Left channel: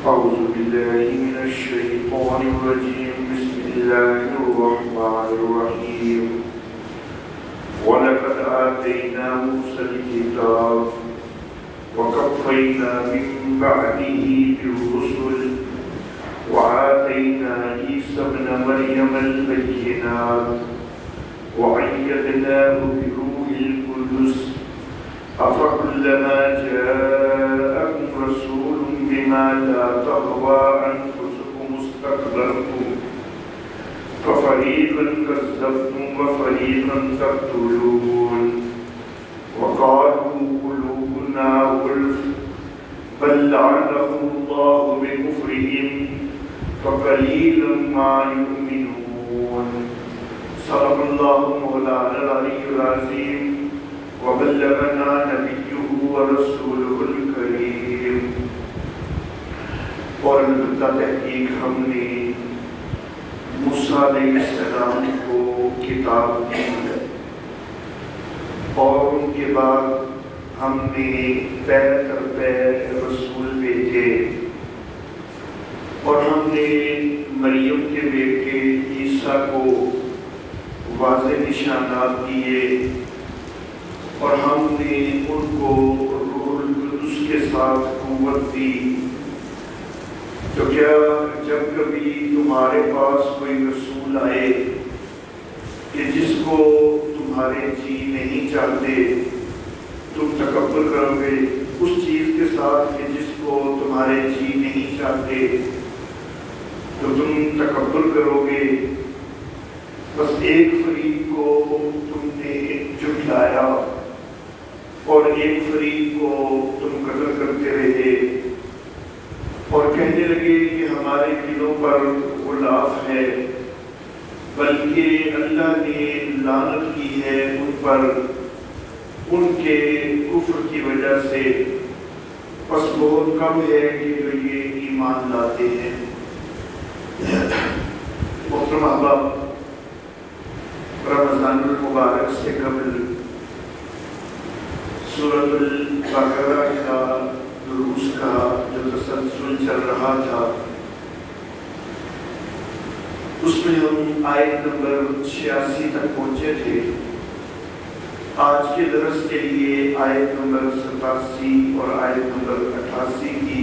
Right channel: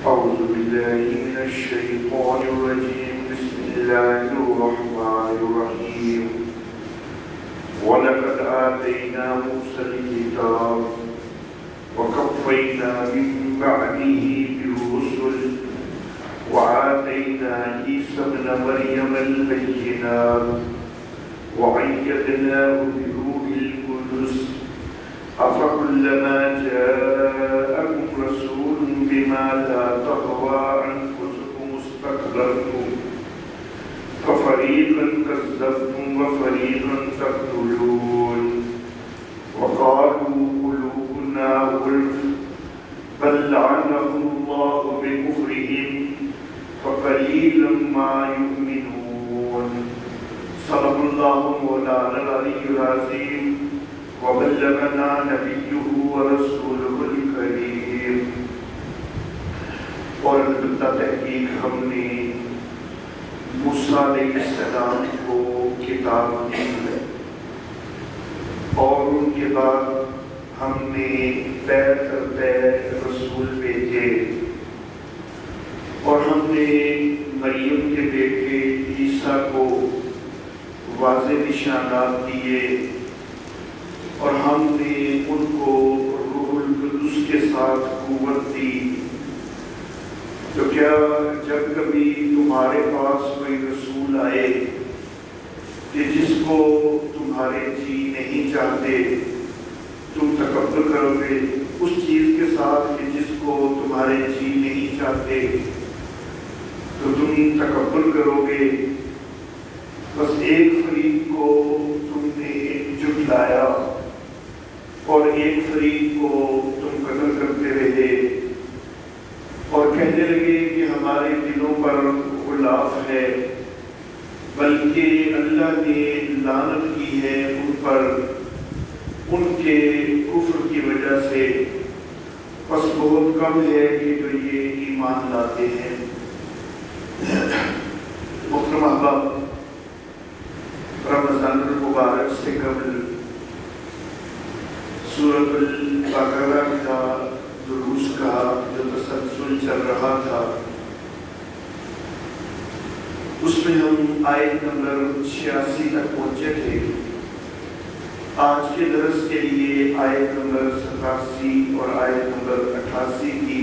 أعوذ بالله من الشيطان الرجيم بسم الله الرحمن الرحيم ولقد آتينا موسى الكتاب وكفينا من بعده بالرسل وآتينا عيسى ابن مريم البينات وأيدناه بروح القدس أفكلما جاءكم رسول بما لا تهوى أنفسكم استكبرتم ففريقا كذبتم وفريقا تقتلون وقالوا قلوبنا غلف بل لعنهم الله بكفرهم فقليلا ما يؤمنون صدق الله مولانا العلي العظيم وبلغنا نبيه ورسوله الكريم. اور البتہ تحقیق ہم نے موسیٰ علیہ السلام کو کتاب دی ہے اور ان کے بعد ہم نے پیر کر پیر رسول بھیجے اور ہم نے مریم کے بیٹے عیسیٰ کو واضح نشانات دیے اور ہم نے ان کو روح القدس کے ساتھ قوت دی. تو کیا جب کبھی تمہارے پاس کوئی رسول آئے کہ جس کو تمہارے جی نہیں چاہتے تم تکبر کرو گے اس چیز کے ساتھ کہ جس کو تمہارے جی نہیں چاہتے تو تم تکبر کرو گے؟ بس ایک فریق کو تم نے جھٹلایا اور ایک فریق کو تم قتل کرتے رہے اور کہنے لگے کہ ہمارے دلوں پر غلاف ہے، بلکہ اللہ نے لعنت کی ہے ان پر ان کے کفر کی وجہ سے، بس بہت کم ہے کہ جو یہ ایمان لاتے ہیں. محترم احباب، رمضان المبارک سے قبل سورۃ البقرہ کا دروس کا جو تسلسل چل رہا تھا اس میں ہم آیت نمبر 86 تک پہنچے تھے. آج کے درس کے لیے آیت نمبر 87 اور آیت نمبر 88 کی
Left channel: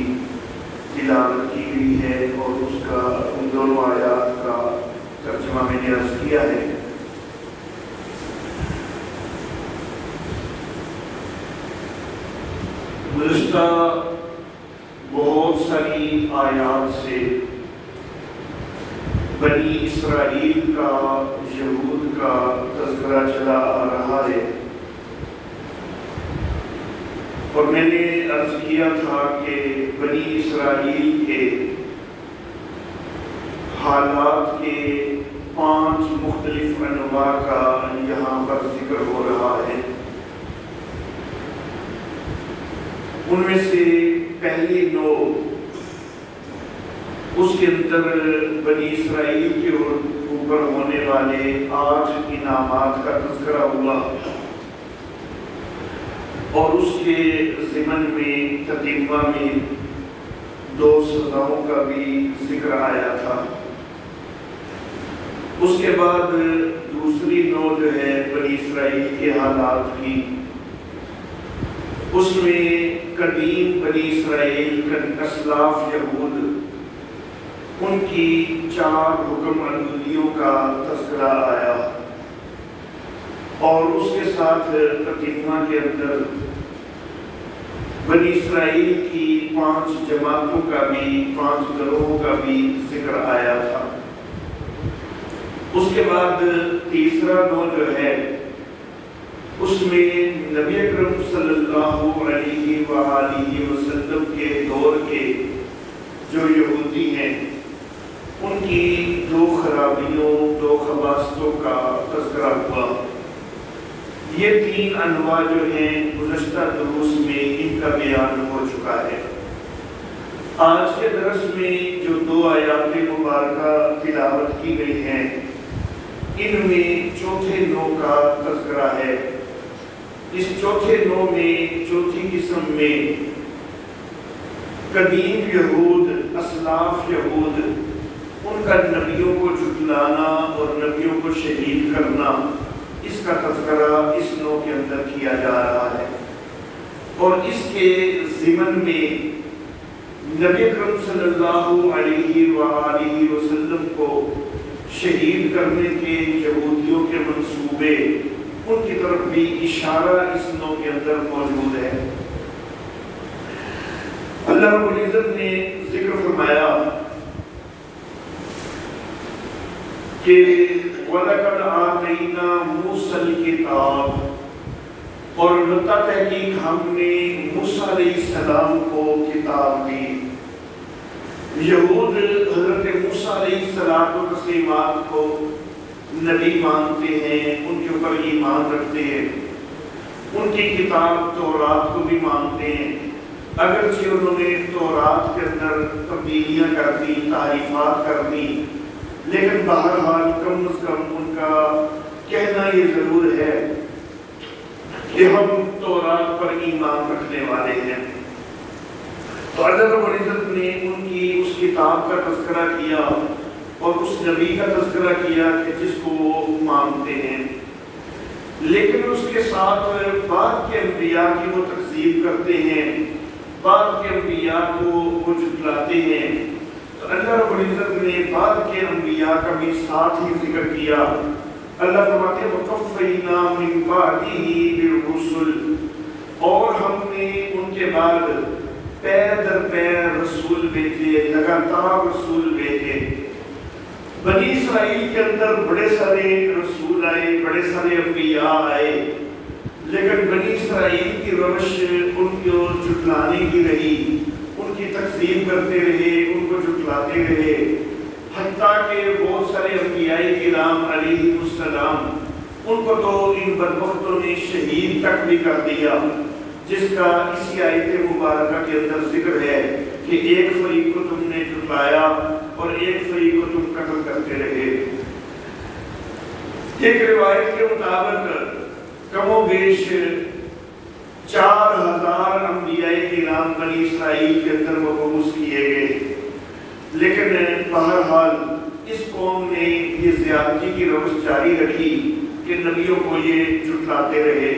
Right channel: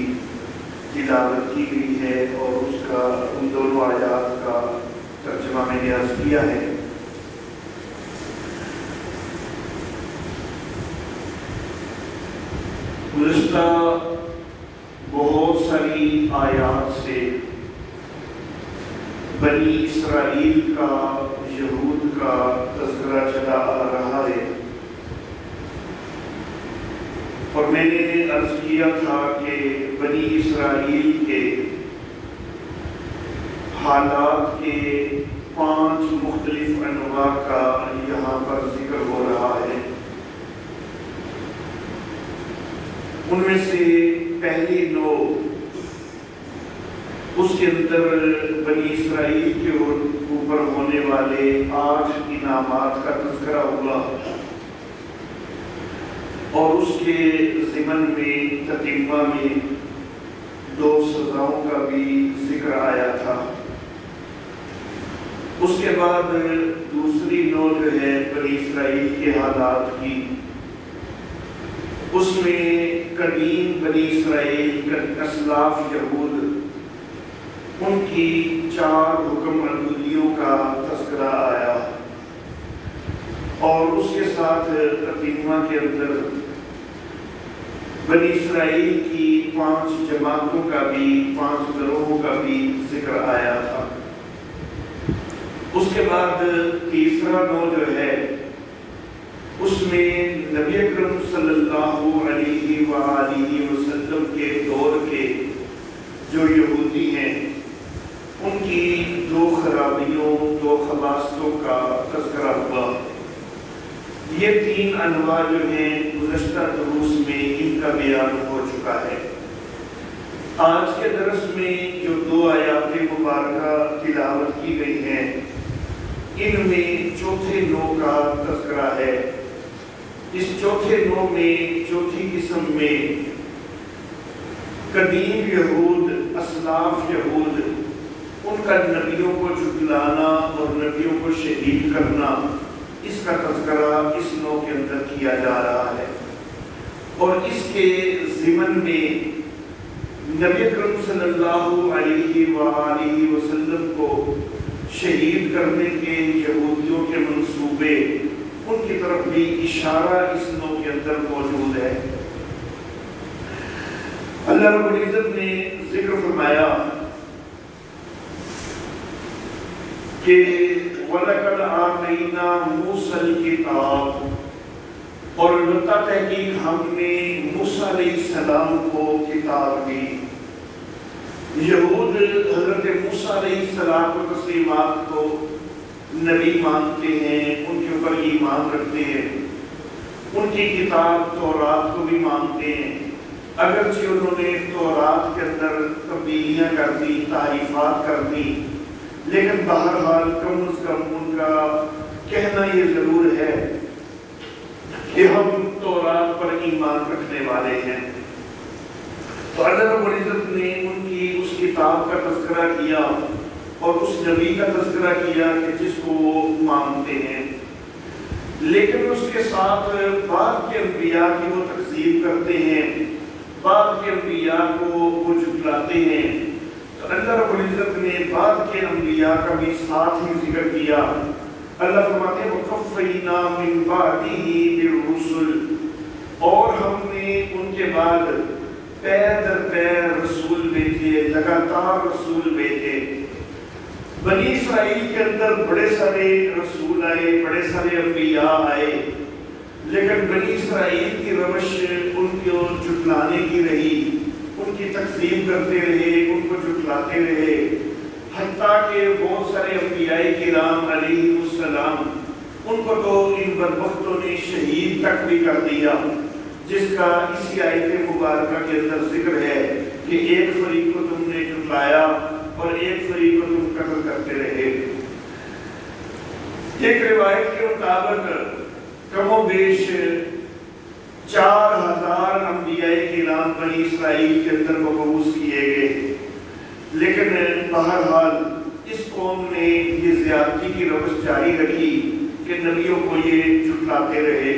تلاوت کی گئی ہے اور اس کا ان دونوں آیات کا ترجمہ میں نے عرض کیا ہے. گزشتہ بہت ساری آیات سے بنی اسرائیل کا، یہود کا تذکرہ چلا آ رہا ہے اور میں نے عرض کیا تھا کہ بنی اسرائیل کے حالات کے 5 مختلف انواع کا یہاں پر ذکر ہو رہا ہے. ان میں سے پہلی نوع اس کے اندر بنی اسرائیل کے اوپر ہونے والے 8 انعامات کا تذکرہ ہوا اور اس کے ضمن میں تتمہ میں 2 سزاؤں کا بھی ذکر آیا تھا. اس کے بعد دوسری نوع جو ہے بنی اسرائیل کے حالات کی، اس میں قدیم بنی اسرائیل اسلاف یہود ان کی 4 حکم عدلیوں کا تذکرہ آیا اور اس کے ساتھ تتمہ کے اندر بنی اسرائیل کی 5 جماعتوں کا بھی، 5 گروہوں کا بھی ذکر آیا تھا. اس کے بعد تیسرا نوع جو ہے اس میں نبی اکرم صلی اللہ علیہ وآلہ وسلم کے دور کے جو یہودی ہیں ان کی 2 خرابیوں، 2 خباثتوں کا تذکرہ ہوا. یہ 3 انواع جو ہیں گزشتہ دروس میں ان کا بیان ہو چکا ہے. آج کے درس میں جو 2 آیات مبارکہ تلاوت کی گئی ہیں ان میں چوتھے نوع کا تذکرہ ہے. اس چوتھے نوع میں، چوتھی قسم میں قدیم یہود اسلاف یہود ان کا نبیوں کو جھٹلانا اور نبیوں کو شہید کرنا، اس کا تذکرہ اس نو کے اندر کیا جا رہا ہے، اور اس کے ضمن میں نبی اکرم صلی اللہ علیہ وآلہ وسلم کو شہید کرنے کے یہودیوں کے منصوبے، ان کی طرف بھی اشارہ اس نو کے اندر موجود ہے۔ اللہ رب العزت نے ذکر فرمایا کہ وَلَقَدْ آتَيْنَا مُوسَى الْكِتَابَ، اور البتہ تحقیق ہم نے موسیٰ علیہ السلام کو کتاب دی۔ یہود حضرت موسیٰ علیہ السلام کو تسلیمات کو نبی مانتے ہیں، ان کے اوپر ایمان رکھتے ہیں، ان کی کتاب تورات کو بھی مانتے ہیں، اگرچہ انہوں نے تورات کے اندر تبدیلیاں کر دی، تحریفات کر دی، لیکن بہرحال کم از کم ان کا کہنا یہ ضرور ہے کہ ہم تورات پر ایمان رکھنے والے ہیں۔ تو اللہ رب العزت نے ان کی اس کتاب کا تذکرہ کیا اور اس نبی کا تذکرہ کیا کہ جس کو وہ مانتے ہیں، لیکن اس کے ساتھ بعد کے انبیاء کی وہ تکذیب کرتے ہیں، بعد کے انبیاء کو وہ جھٹلاتے ہیں۔ تو اللہ رب العزت نے بعد کے انبیاء کا بھی ساتھ ہی ذکر کیا۔ اللہ فرماتے ہیں وَقَفَّيْنَا مِن بَعْدِهِ بِالرُّسُلِ، اور ہم نے ان کے بعد پیر در پیر رسول بھیجے، لگاتار رسول بھیجے۔ بنی اسرائیل کے اندر بڑے سارے رسول آئے، بڑے سارے انبیاء آئے، لیکن بنی اسرائیل کی روش ان کو جھٹلانے کی رہی، ان کی تکذیب کرتے رہے، ان کو جھٹلاتے رہے، حتیٰ کہ بہت سارے انبیاء کرام علیہ السلام ان کو تو ان بدبختوں نے شہید تک بھی کر دیا، جس کا اسی آیت مبارکہ کے اندر ذکر ہے کہ ایک فریق کو تم نے جھٹلایا اور ایک فریق کو تم قتل کرتے رہے۔ ایک روایت کے مطابق کم و بیش 4000 انبیاء کرام بنی اسرائیل کے اندر مبعوث کیے گئے، لیکن بہرحال اس قوم نے یہ زیادتی کی روش جاری رکھی کہ نبیوں کو یہ جھٹلاتے رہے۔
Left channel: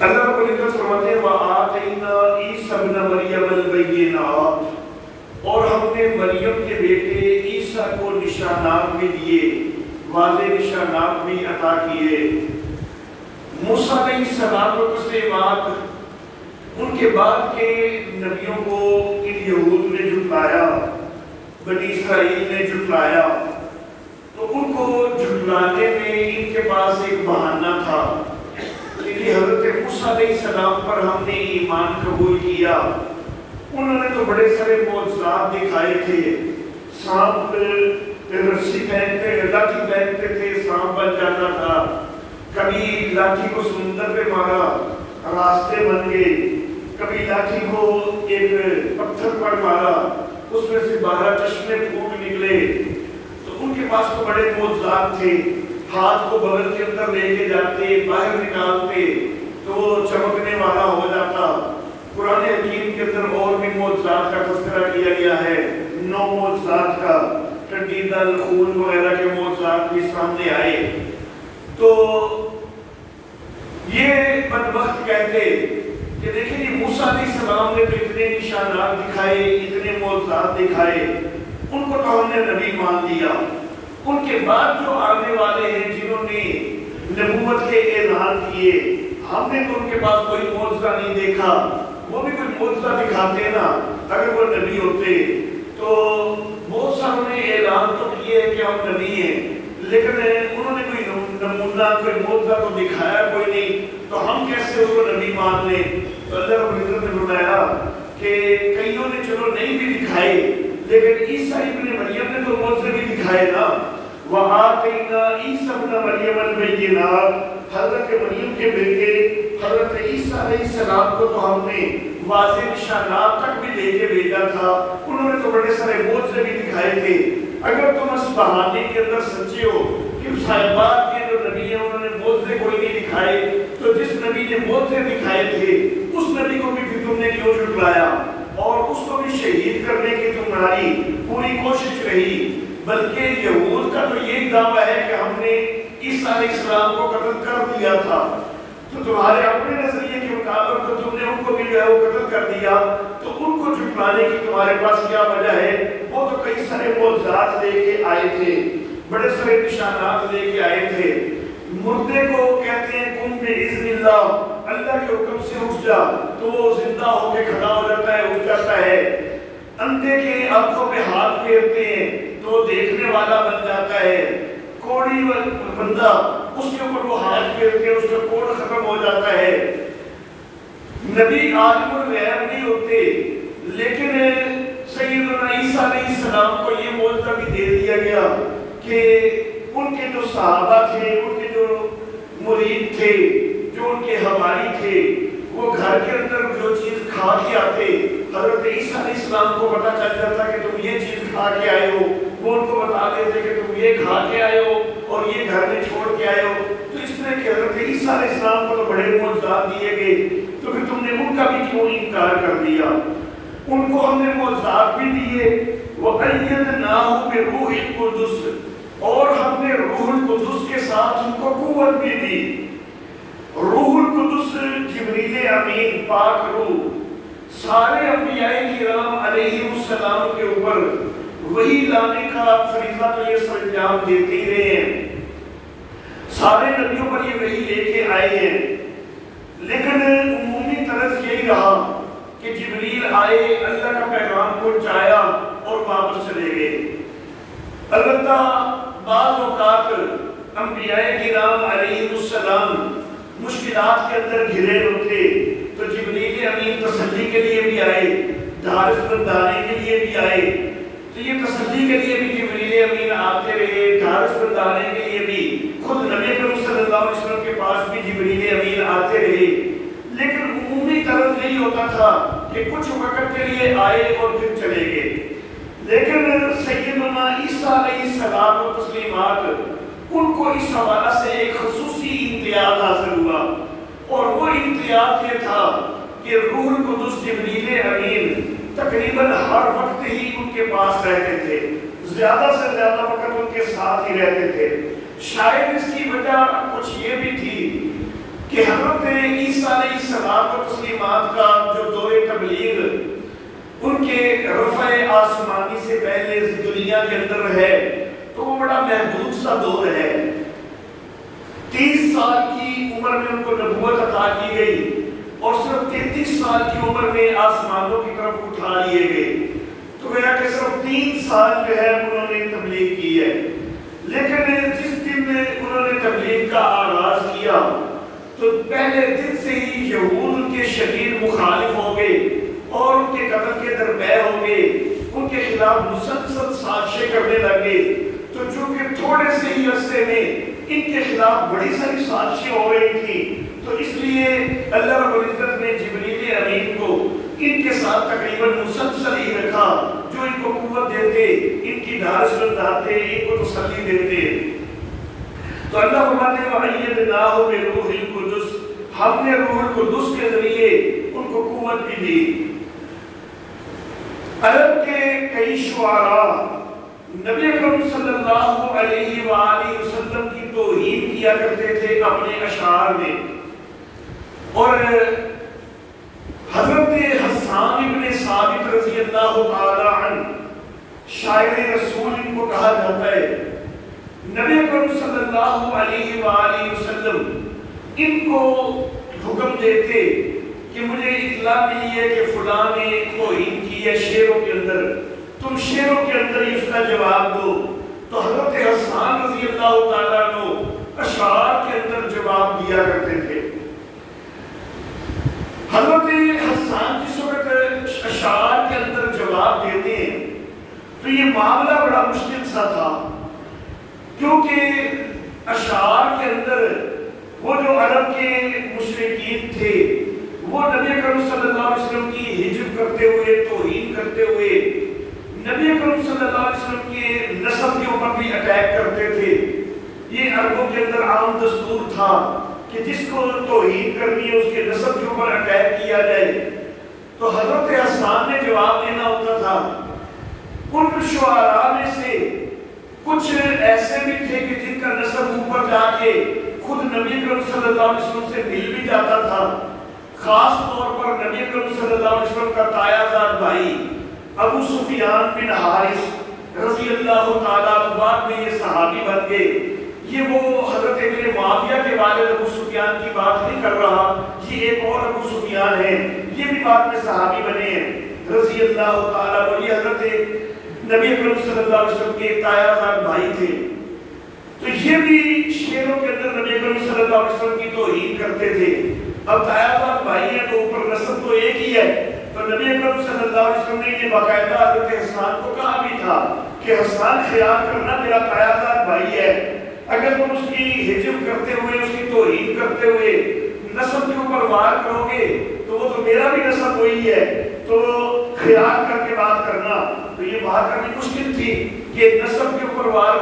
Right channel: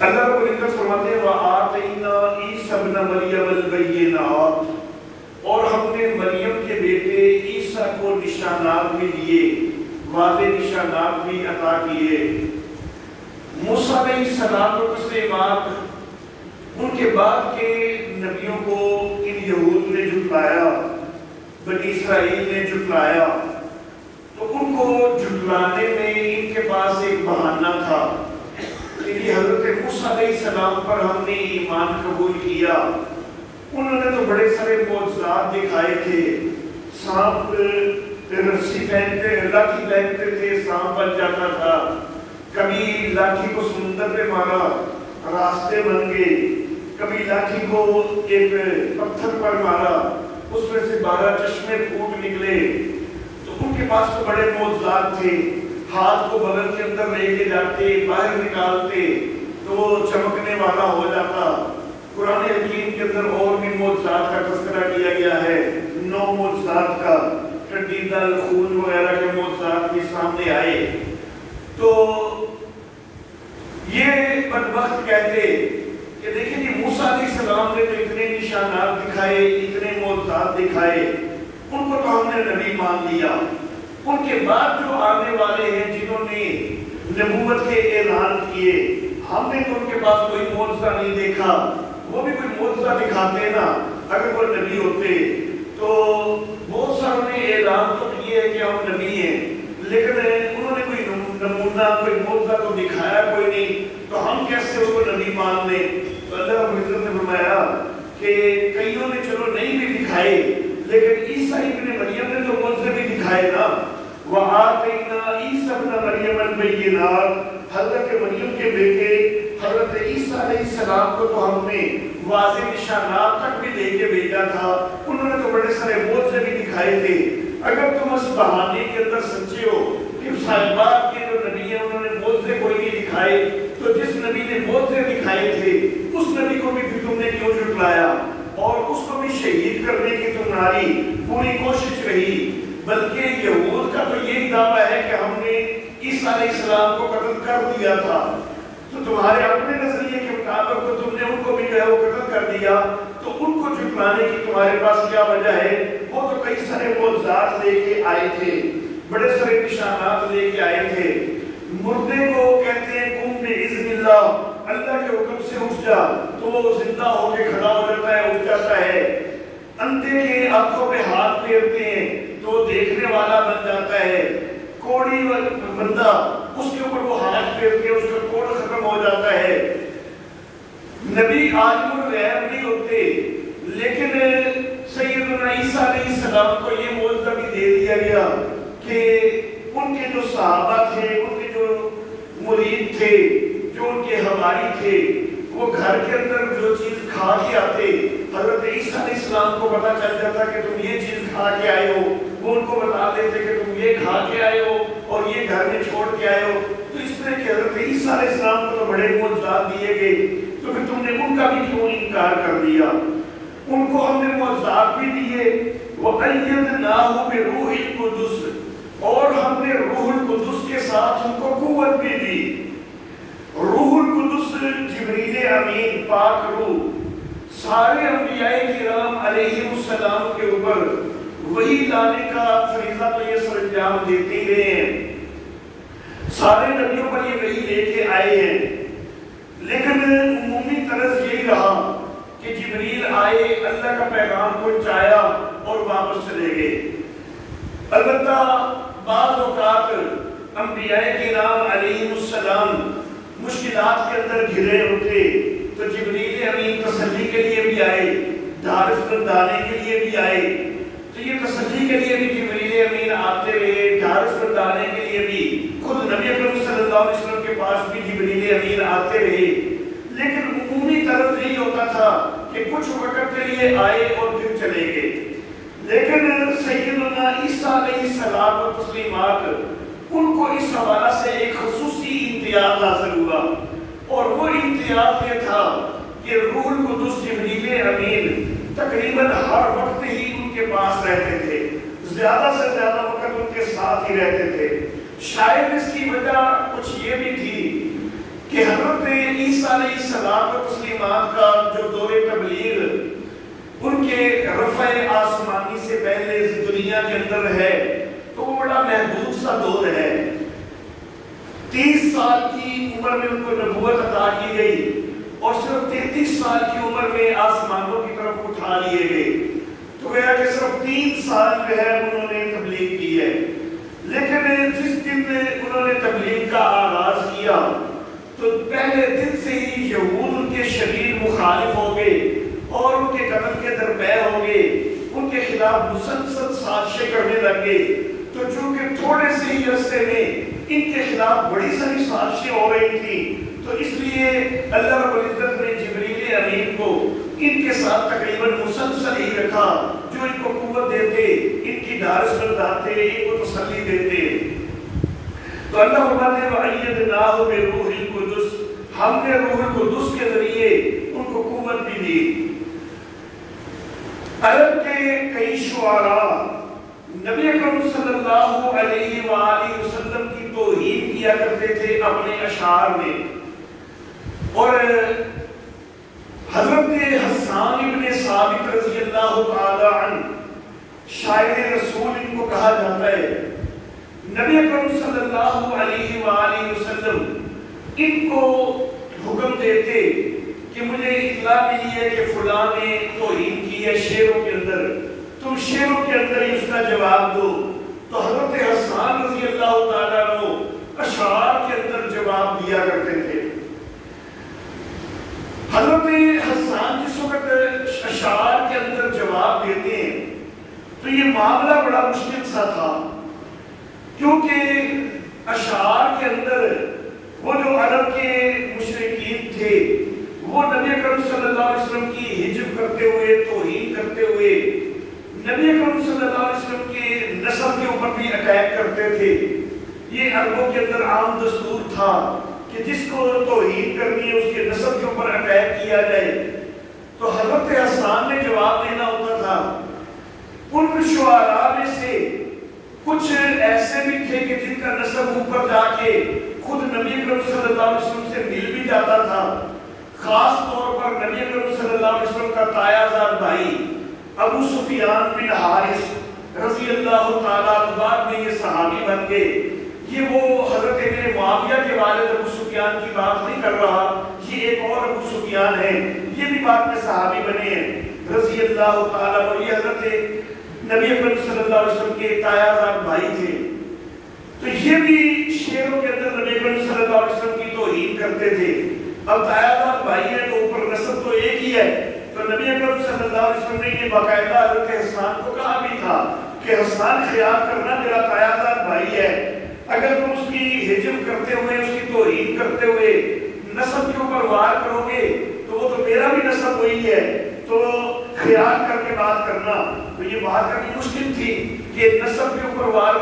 اللہ رب العزت فرماتے ہیں وَآتَيْنَا عِیسَیٰ ابْنَ مَرْیَمَ الْبَیِّنَاتِ، اور ہم نے مریم کے بیٹے عیسیٰ کو نشانات بھی دیے، واضح نشانات بھی عطا کیے۔ موسیٰ علیہ السلام کو تسلیمات، ان کے بعد کے نبیوں کو ان یہود نے جھٹلایا، بنی اسرائیل نے جھٹلایا، تو ان کو جھٹلانے میں ان کے پاس ایک بہانہ تھا کہ یہ حضرت موسیٰ علیہ السلام پر ہم نے ایمان قبول کیا، انہوں نے تو بڑے سارے معجزات دکھائے تھے، سانپ رسی پہنتے، لاٹھی پہنتے تھے، سانپ بن جاتا تھا، کبھی لاٹھی کو سمندر پہ مارا، راستے بن گئے، کبھی لاٹھی کو ایک پتھر پر مارا، اس میں سے 12 چشمے پھوٹ نکلے۔ تو ان کے پاس تو بڑے معجزات تھے، ہاتھ کو بغل کے اندر لے کے جاتے، باہر نکالتے تو وہ چمکنے والا ہو جاتا۔ قرآن حکیم کے اندر اور بھی معجزات کا تذکرہ کیا گیا ہے، 9 معجزات کا، ٹڈی دل، خون وغیرہ کے معجزات بھی سامنے آئے۔ تو یہ بدبخت کہتے کہ دیکھیں جی موسیٰ علیہ السلام نے تو اتنے نشانات دکھائے، اتنے معجزات دکھائے، ان کو تو ہم نے نبی مان لیا، ان کے بعد جو آنے والے ہیں جنہوں نے نبوت کے اعلان کیے، ہم نے تو ان کے پاس کوئی معجزہ نہیں دیکھا، وہ بھی کوئی معجزہ دکھاتے نا اگر وہ نبی ہوتے۔ تو بہت ساروں نے اعلان تو کیے کہ ہم نبی ہیں، لیکن انہوں نے کوئی نمونہ، کوئی معجزہ تو دکھایا کوئی نہیں، تو ہم کیسے ان کو نبی مان لیں؟ تو اللہ رب العزت نے فرمایا کہ کئیوں نے چلو نہیں بھی دکھائے، لیکن عیسیٰ ابن مریم نے تو معجزے بھی دکھائے نا۔ وَآتَيْنَا عِیسَیٰ ابْنَ مَرْیَمَ الْبَیِّنَاتِ، حضرت مریم کے بیٹے حضرت عیسیٰ علیہ السلام کو تو ہم نے واضح نشانات تک بھی دے کے بھیجا تھا، انہوں نے تو بڑے سارے معجزے بھی دکھائے تھے۔ اگر تم اس بہانے کے اندر سچے ہو کہ صاحبات کے جو نبی ہیں انہوں نے معجزے کوئی نہیں دکھائے، تو جس نبی نے معجزے دکھائے تھے اس نبی کو بھی تم نے کیوں جھٹلایا اور اس کو بھی عیسیٰ علیہ السلام کو قتل کر دیا تھا، تو تمہارے اپنے نظریے کے مطابق تو تم نے ان کو بھی جو ہے وہ قتل کر دیا، تو ان کو جھٹلانے کی تمہارے پاس کیا وجہ ہے؟ وہ تو کئی سارے معجزات لے کے آئے تھے، بڑے سارے نشانات لے کے آئے تھے۔ مردے کو کہتے ہیں قم بِإِذْنِ اللہ، اللہ کے حکم سے اٹھ جا، تو وہ زندہ ہو کے کھڑا ہو جاتا ہے، اٹھ جاتا ہے۔ اندھے کے آنکھوں پہ ہاتھ پھیرتے ہیں تو دیکھنے والا بن جاتا ہے۔ کوڑی بندہ اس کے اوپر وہ ہاتھ پھیر کے اس کا کوڑ ختم ہو جاتا ہے۔ نبی عالم الغیب نہیں ہوتے، لیکن سیدنا عیسیٰ علیہ السلام کو یہ معجزہ بھی دے دیا گیا کہ ان کے جو صحابہ تھے، ان کے جو مرید تھے، جو ان کے حواری تھے، وہ گھر کے اندر جو چیز کھا کے آتے، حضرت عیسیٰ علیہ السلام کو پتہ چل جاتا کہ تم یہ چیز کھا کے آئے ہو، وہ ان کو بتا دیتے کہ تم یہ کھا کے آئے ہو اور یہ گھر میں چھوڑ کے آئے ہو۔ تو اس طرح کہ حضرت عیسیٰ علیہ السلام کو تو بڑے معجزات دیے گئے، تو پھر تم نے ان کا بھی کیوں انکار کر دیا؟ ان کو ہم نے معجزات بھی دیے، وَأَيَّدْنَاهُ بِرُوحِ الْقُدُسِ، اور ہم نے روح القدس کے ساتھ ان کو قوت بھی دی۔ روح القدس جبریل امین پاک روح سارے انبیاء کرام علیہ السلام کے اوپر وہی لانے کا فریضہ تو یہ سر انجام دیتے ہی رہے ہیں، سارے نبیوں پر یہ وہی لے کے آئے ہیں، لیکن عمومی طرز یہی رہا کہ جبریل آئے، اللہ کا پیغام پہنچایا اور واپس چلے گئے۔ البتہ بعض اوقات انبیاء کرام علیہ السلام مشکلات کے اندر گھرے ہوتے تو جبریل امین تسلی کے لیے بھی آئے، ڈھارس بندھانے کے لیے بھی آئے۔ تو یہ تسلی کے لیے بھی جبریل امین آتے رہے، ڈھارس بندھانے کے لیے بھی خود نبی اکرم صلی اللہ علیہ وسلم کے پاس بھی جبریل امین آتے رہے، لیکن عمومی طرز یہی ہوتا تھا کہ کچھ وقت کے لیے آئے اور پھر چلے گئے۔ لیکن سیدنا عیسیٰ علیہ السلام و تسلیمات ان کو اس حوالہ سے ایک خصوصی امتیاز حاصل ہوا، اور وہ امتیاز یہ تھا کہ روح القدس جبریل امین تقریباً ہر وقت ہی ان کے پاس رہتے تھے، زیادہ سے زیادہ وقت ان کے ساتھ ہی رہتے تھے۔ شاید اس کی وجہ کچھ یہ بھی تھی کہ حضرت عیسیٰ علیہ السلام و تسلیمات کا جو دور تبلیغ ان کے رفع آسمانی سے پہلے دنیا کے اندر ہے، تو وہ بڑا محدود سا دور ہے۔ 30 سال کی عمر میں ان کو نبوت عطا کی گئی اور صرف 33 سال کی عمر میں آسمانوں کی طرف اٹھا لیے گئے، تو گویا کہ صرف 3 سال جو ہے انہوں نے تبلیغ کی ہے۔ لیکن جس دن انہوں نے تبلیغ کا آغاز کیا تو پہلے دن سے ہی یہود ان کے شدید مخالف ہو گئے اور ان کے قتل کے درپے ہو گئے، ان کے خلاف مسلسل سازشیں کرنے لگے۔ تو چونکہ تھوڑے سے ہی عرصے میں ان کے خلاف بڑی ساری سازشیں ہو رہی تھیں، تو اس لیے اللہ رب العزت نے جبریل امین کو ان کے ساتھ تقریباً مسلسل ہی رکھا، جو ان کو قوت دیتے، ان کی ڈھارس بندھاتے، ان کو تسلی دیتے۔ تو اللہ فرماتے ہیں وَأَيَّدْنَاهُ بِرُوحِ الْقُدُسِ، ہم نے روح القدس کے ذریعے ان کو قوت بھی دی۔ عرب کے کئی شعراء نبی اکرم صلی اللہ علیہ وآلہ وسلم کی توہین کیا کرتے تھے اپنے اشعار میں، اور حضرت حسان ابن ثابت رضی اللہ تعالی عنہ شاعر رسول ان کو کہا جاتا ہے۔ نبی اکرم صلی اللہ علیہ وآلہ وسلم ان کو حکم دیتے کہ مجھے اطلاع ملی ہے کہ فلاں نے توہین کی ہے شعروں کے اندر، تم شعروں کے اندر ہی اس کا جواب دو۔ تو حضرت حسان رضی اللہ تعالیٰ عنہ اشعار کے اندر جواب دیا کرتے تھے۔ حضرت حسان جس وقت اشعار کے اندر جواب دیتے ہیں تو یہ معاملہ بڑا مشکل سا تھا، کیونکہ اشعار کے اندر وہ جو عرب کے مشرکین تھے وہ نبی اکرم صلی اللہ علیہ وسلم کی ہجب کرتے ہوئے، توہین کرتے ہوئے نبی اکرم صلی اللہ علیہ وسلم کے نسب کے اوپر بھی اٹیک کرتے تھے۔ یہ عربوں کے اندر عام دستور تھا کہ جس کو توہین کرنی ہے اس کے نسب کے اوپر اٹیک کیا جائے۔ تو حضرت حسان نے جواب دینا ہوتا تھا۔ ان شعراء میں سے کچھ ایسے بھی تھے کہ جن کا نسب اوپر جا کے خود نبی اکرم صلی اللہ علیہ وسلم سے مل بھی جاتا تھا. خاص طور پر نبی اکرم صلی اللہ علیہ وسلم کا تایا زاد بھائی ابو سفیان بن حارث رضی اللہ تعالیٰ عنہ بعد میں یہ صحابی بن گئے. یہ وہ حضرت میرے معاویہ کے والد ابو سفیان کی بات نہیں کر رہا، یہ ایک اور ابو سفیان ہے، یہ بھی بعد میں صحابی بنے ہیں رضی اللہ تعالیٰ عنہ. یہ حضرت نبی اکرم صلی اللہ علیہ وسلم کے تایا زاد بھائی تھے. تو یہ بھی شیروں کے اندر نبی اکرم صلی اللہ علیہ وسلم کی توہین کرتے تھے. اب تایا زاد بھائی ہے تو اوپر نسل تو ایک ہی ہے. تو نبی اکرم صلی اللہ علیہ وسلم نے یہ باقاعدہ حضرت حسان کو کہا بھی تھا کہ حسان خیال کرنا میرا تایا زاد بھائی ہے، اگر تم اس کی ہجب کرتے ہوئے اس کی توہین کرتے ہوئے نسب کے اوپر وار کرو گے تو وہ تو میرا بھی نسب وہی ہے، تو خیال کر کے بات کرنا. تو یہ بات کرنی مشکل تھی کہ نسب کے اوپر وار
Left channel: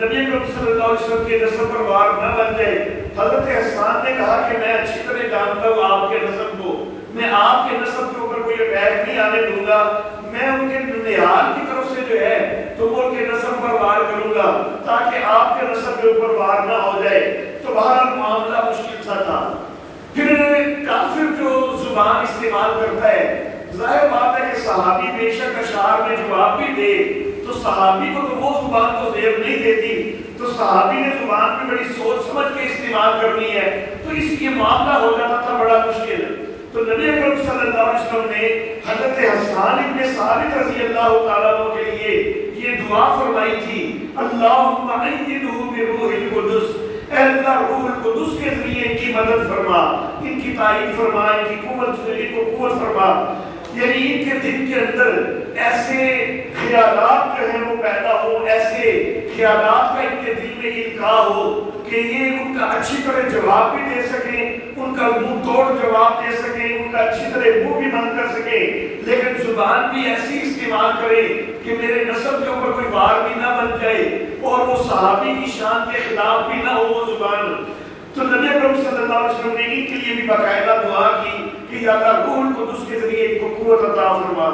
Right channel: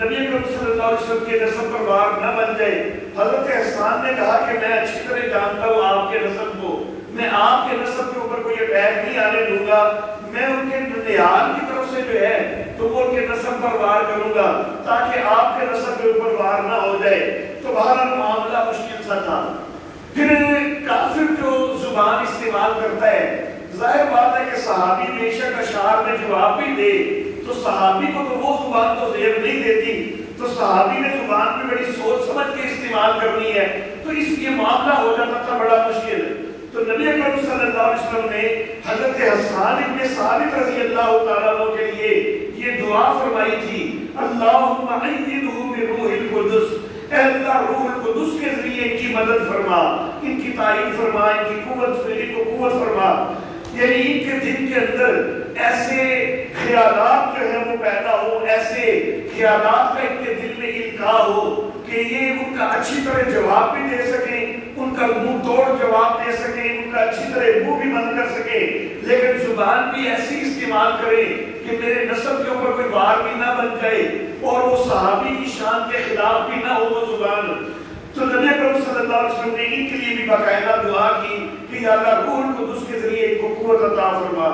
نبی اکرم صلی اللہ علیہ وسلم کے نسب پر وار نہ بن جائے. حضرت حسان نے کہا کہ میں اچھی طرح جانتا ہوں آپ کے نسب کو، میں آپ کے نسب کے اوپر کوئی اٹیک نہیں آنے دوں گا، میں ان کے ننیال کی طرف سے جو ہے تو وہ ان کے نسب پر وار کروں گا تاکہ آپ کے نسب کے اوپر وار نہ ہو جائے. تو بہرحال معاملہ مشکل سا تھا. پھر کافر جو زبان استعمال کرتا ہے، ظاہر بات ہے کہ صحابی بے شک اشعار میں جواب بھی دے تو صحابی کو تو وہ زبان تو زیب نہیں دیتی، تو صحابی نے زبان پہ بڑی سوچ سمجھ کے استعمال کرنی ہے، تو اس لیے معاملہ ہو جاتا تھا بڑا مشکل. تو نبی اکرم صلی اللہ علیہ وسلم نے حضرت حسان ابن ثابت رضی اللہ تعالیٰ عنہ کے لیے یہ دعا فرمائی تھی، اللہم ایدہ بروح القدس، اے اللہ روح القدس کے ذریعے ان کی مدد فرما، ان کی تائید فرما، ان کی قوت فرما. یعنی ان کے دل کے اندر ایسے خیالات جو ہیں وہ پیدا ہو، ایسے خیالات کا ان کے دل میں القاء ہو کہ یہ ان کا اچھی طرح جواب بھی دے سکیں، ان کا منہ توڑ جواب دے سکیں، ان کا اچھی طرح منہ بھی بند کر سکیں، لیکن زبان بھی ایسی استعمال کریں کہ میرے نسب کے اوپر کوئی وار بھی نہ بن جائے اور وہ صحابی کی شان کے خلاف بھی نہ ہو وہ زبان. تو نبی اکرم صلی اللہ علیہ وسلم نے ان کے لیے بھی باقاعدہ دعا کی کہ یا اللہ روح القدس کے ذریعے ان کو قوت عطا فرما.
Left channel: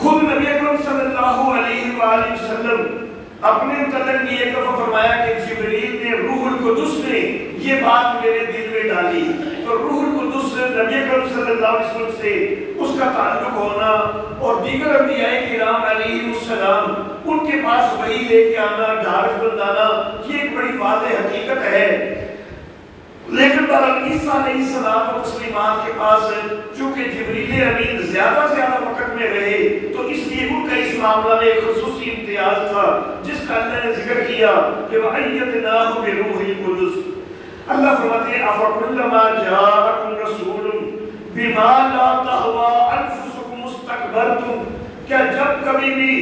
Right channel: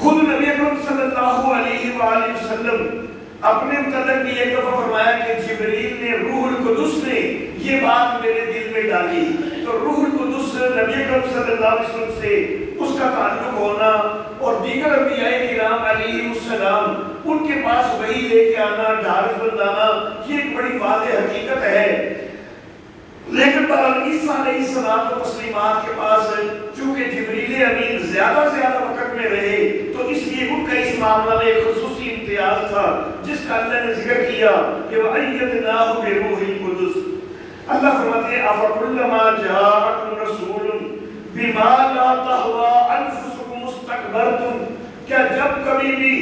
خود نبی اکرم صلی اللہ علیہ وآلہ وسلم اپنے متعلق بھی ایک دفعہ فرمایا کہ جبریل نے روح القدس نے یہ بات میرے دل میں ڈالی. تو روح القدس نبی اکرم صلی اللہ علیہ وسلم سے اس کا تعلق ہونا اور دیگر انبیاء کرام علیہ السلام ان کے پاس وحی لے کے آنا، ڈھارس بندانا، یہ ایک بڑی واضح حقیقت ہے. لیکن بہرحال عیسیٰ علیہ السلام و تسلیمات کے پاس چونکہ جبریل امین زیادہ وقت میں رہے تو اس لیے ان کا اس معاملہ میں ایک خصوصی امتیاز تھا جس کا اللہ نے ذکر کیا کہ وَأَيَّدْنَاهُ بِرُوحِ الْقُدُسِ. اللہ فرماتے ہیں أَفَكُلَّمَا جَاءَكُمْ رَسُولٌ بِمَا لَا تَهْوَىٰ أَنفُسُكُمُ اسْتَكْبَرْتُمْ، کیا جب کبھی بھی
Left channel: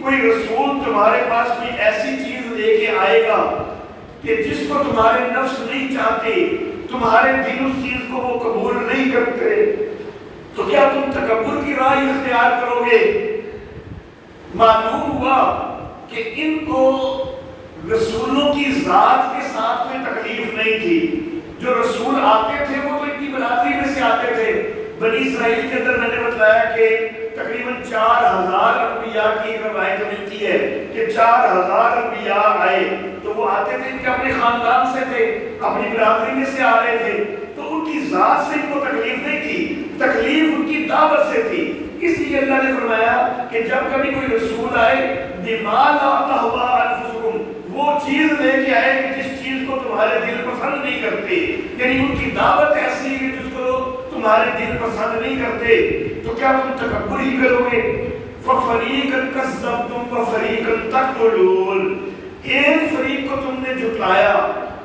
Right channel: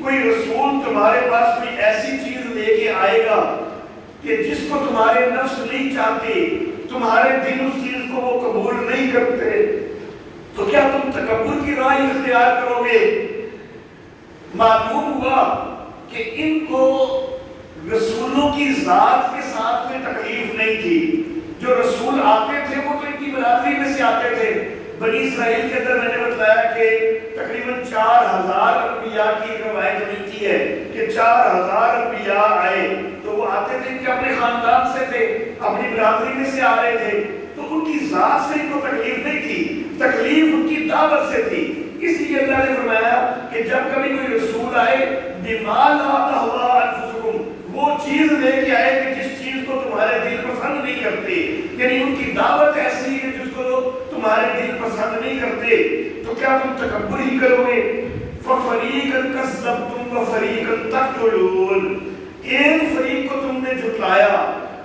کوئی رسول تمہارے پاس کوئی ایسی چیز لے کے آئے گا کہ جس کو تمہارے نفس نہیں چاہتے، تمہارے دل اس چیز کو وہ قبول نہیں کرتے، تو کیا تم تکبر کی راہ اختیار کرو گے؟ معلوم ہوا کہ ان کو رسولوں کی ذات کے ساتھ کوئی تکلیف نہیں تھی. جو رسول آتے تھے وہ تو ان کی برادری میں سے آتے تھے. بنی اسرائیل کے اندر میں نے بتلایا کہ تقریباً 4000 انبیاء کی روایت ملتی ہے کہ 4000 انبیاء آئے تو وہ آتے تھے کہ اپنے خاندان سے تھے، اپنی برادری میں سے آ رہے تھے، تو ان کی ذات سے ان کو تکلیف نہیں تھی، تکلیف ان کی دعوت سے تھی. اس لیے اللہ نے فرمایا کہ جب کبھی کوئی رسول آئے بِمَا لَا تَهْوَىٰ أَنفُسُكُمْ، وہ چیز لے کے آئے کہ جس چیز کو تمہارے دل پسند نہیں کرتے، یعنی ان کی دعوت ایسی ہے کہ جس کو تمہارے دل پسند نہیں کرتے، تو کیا تم تکبر ہی کرو گے؟ فَفَرِيقًا كَذَّبْتُمْ وَفَرِيقًا تَقْتُلُونَ، ایک فریق کو تم نے جھٹلایا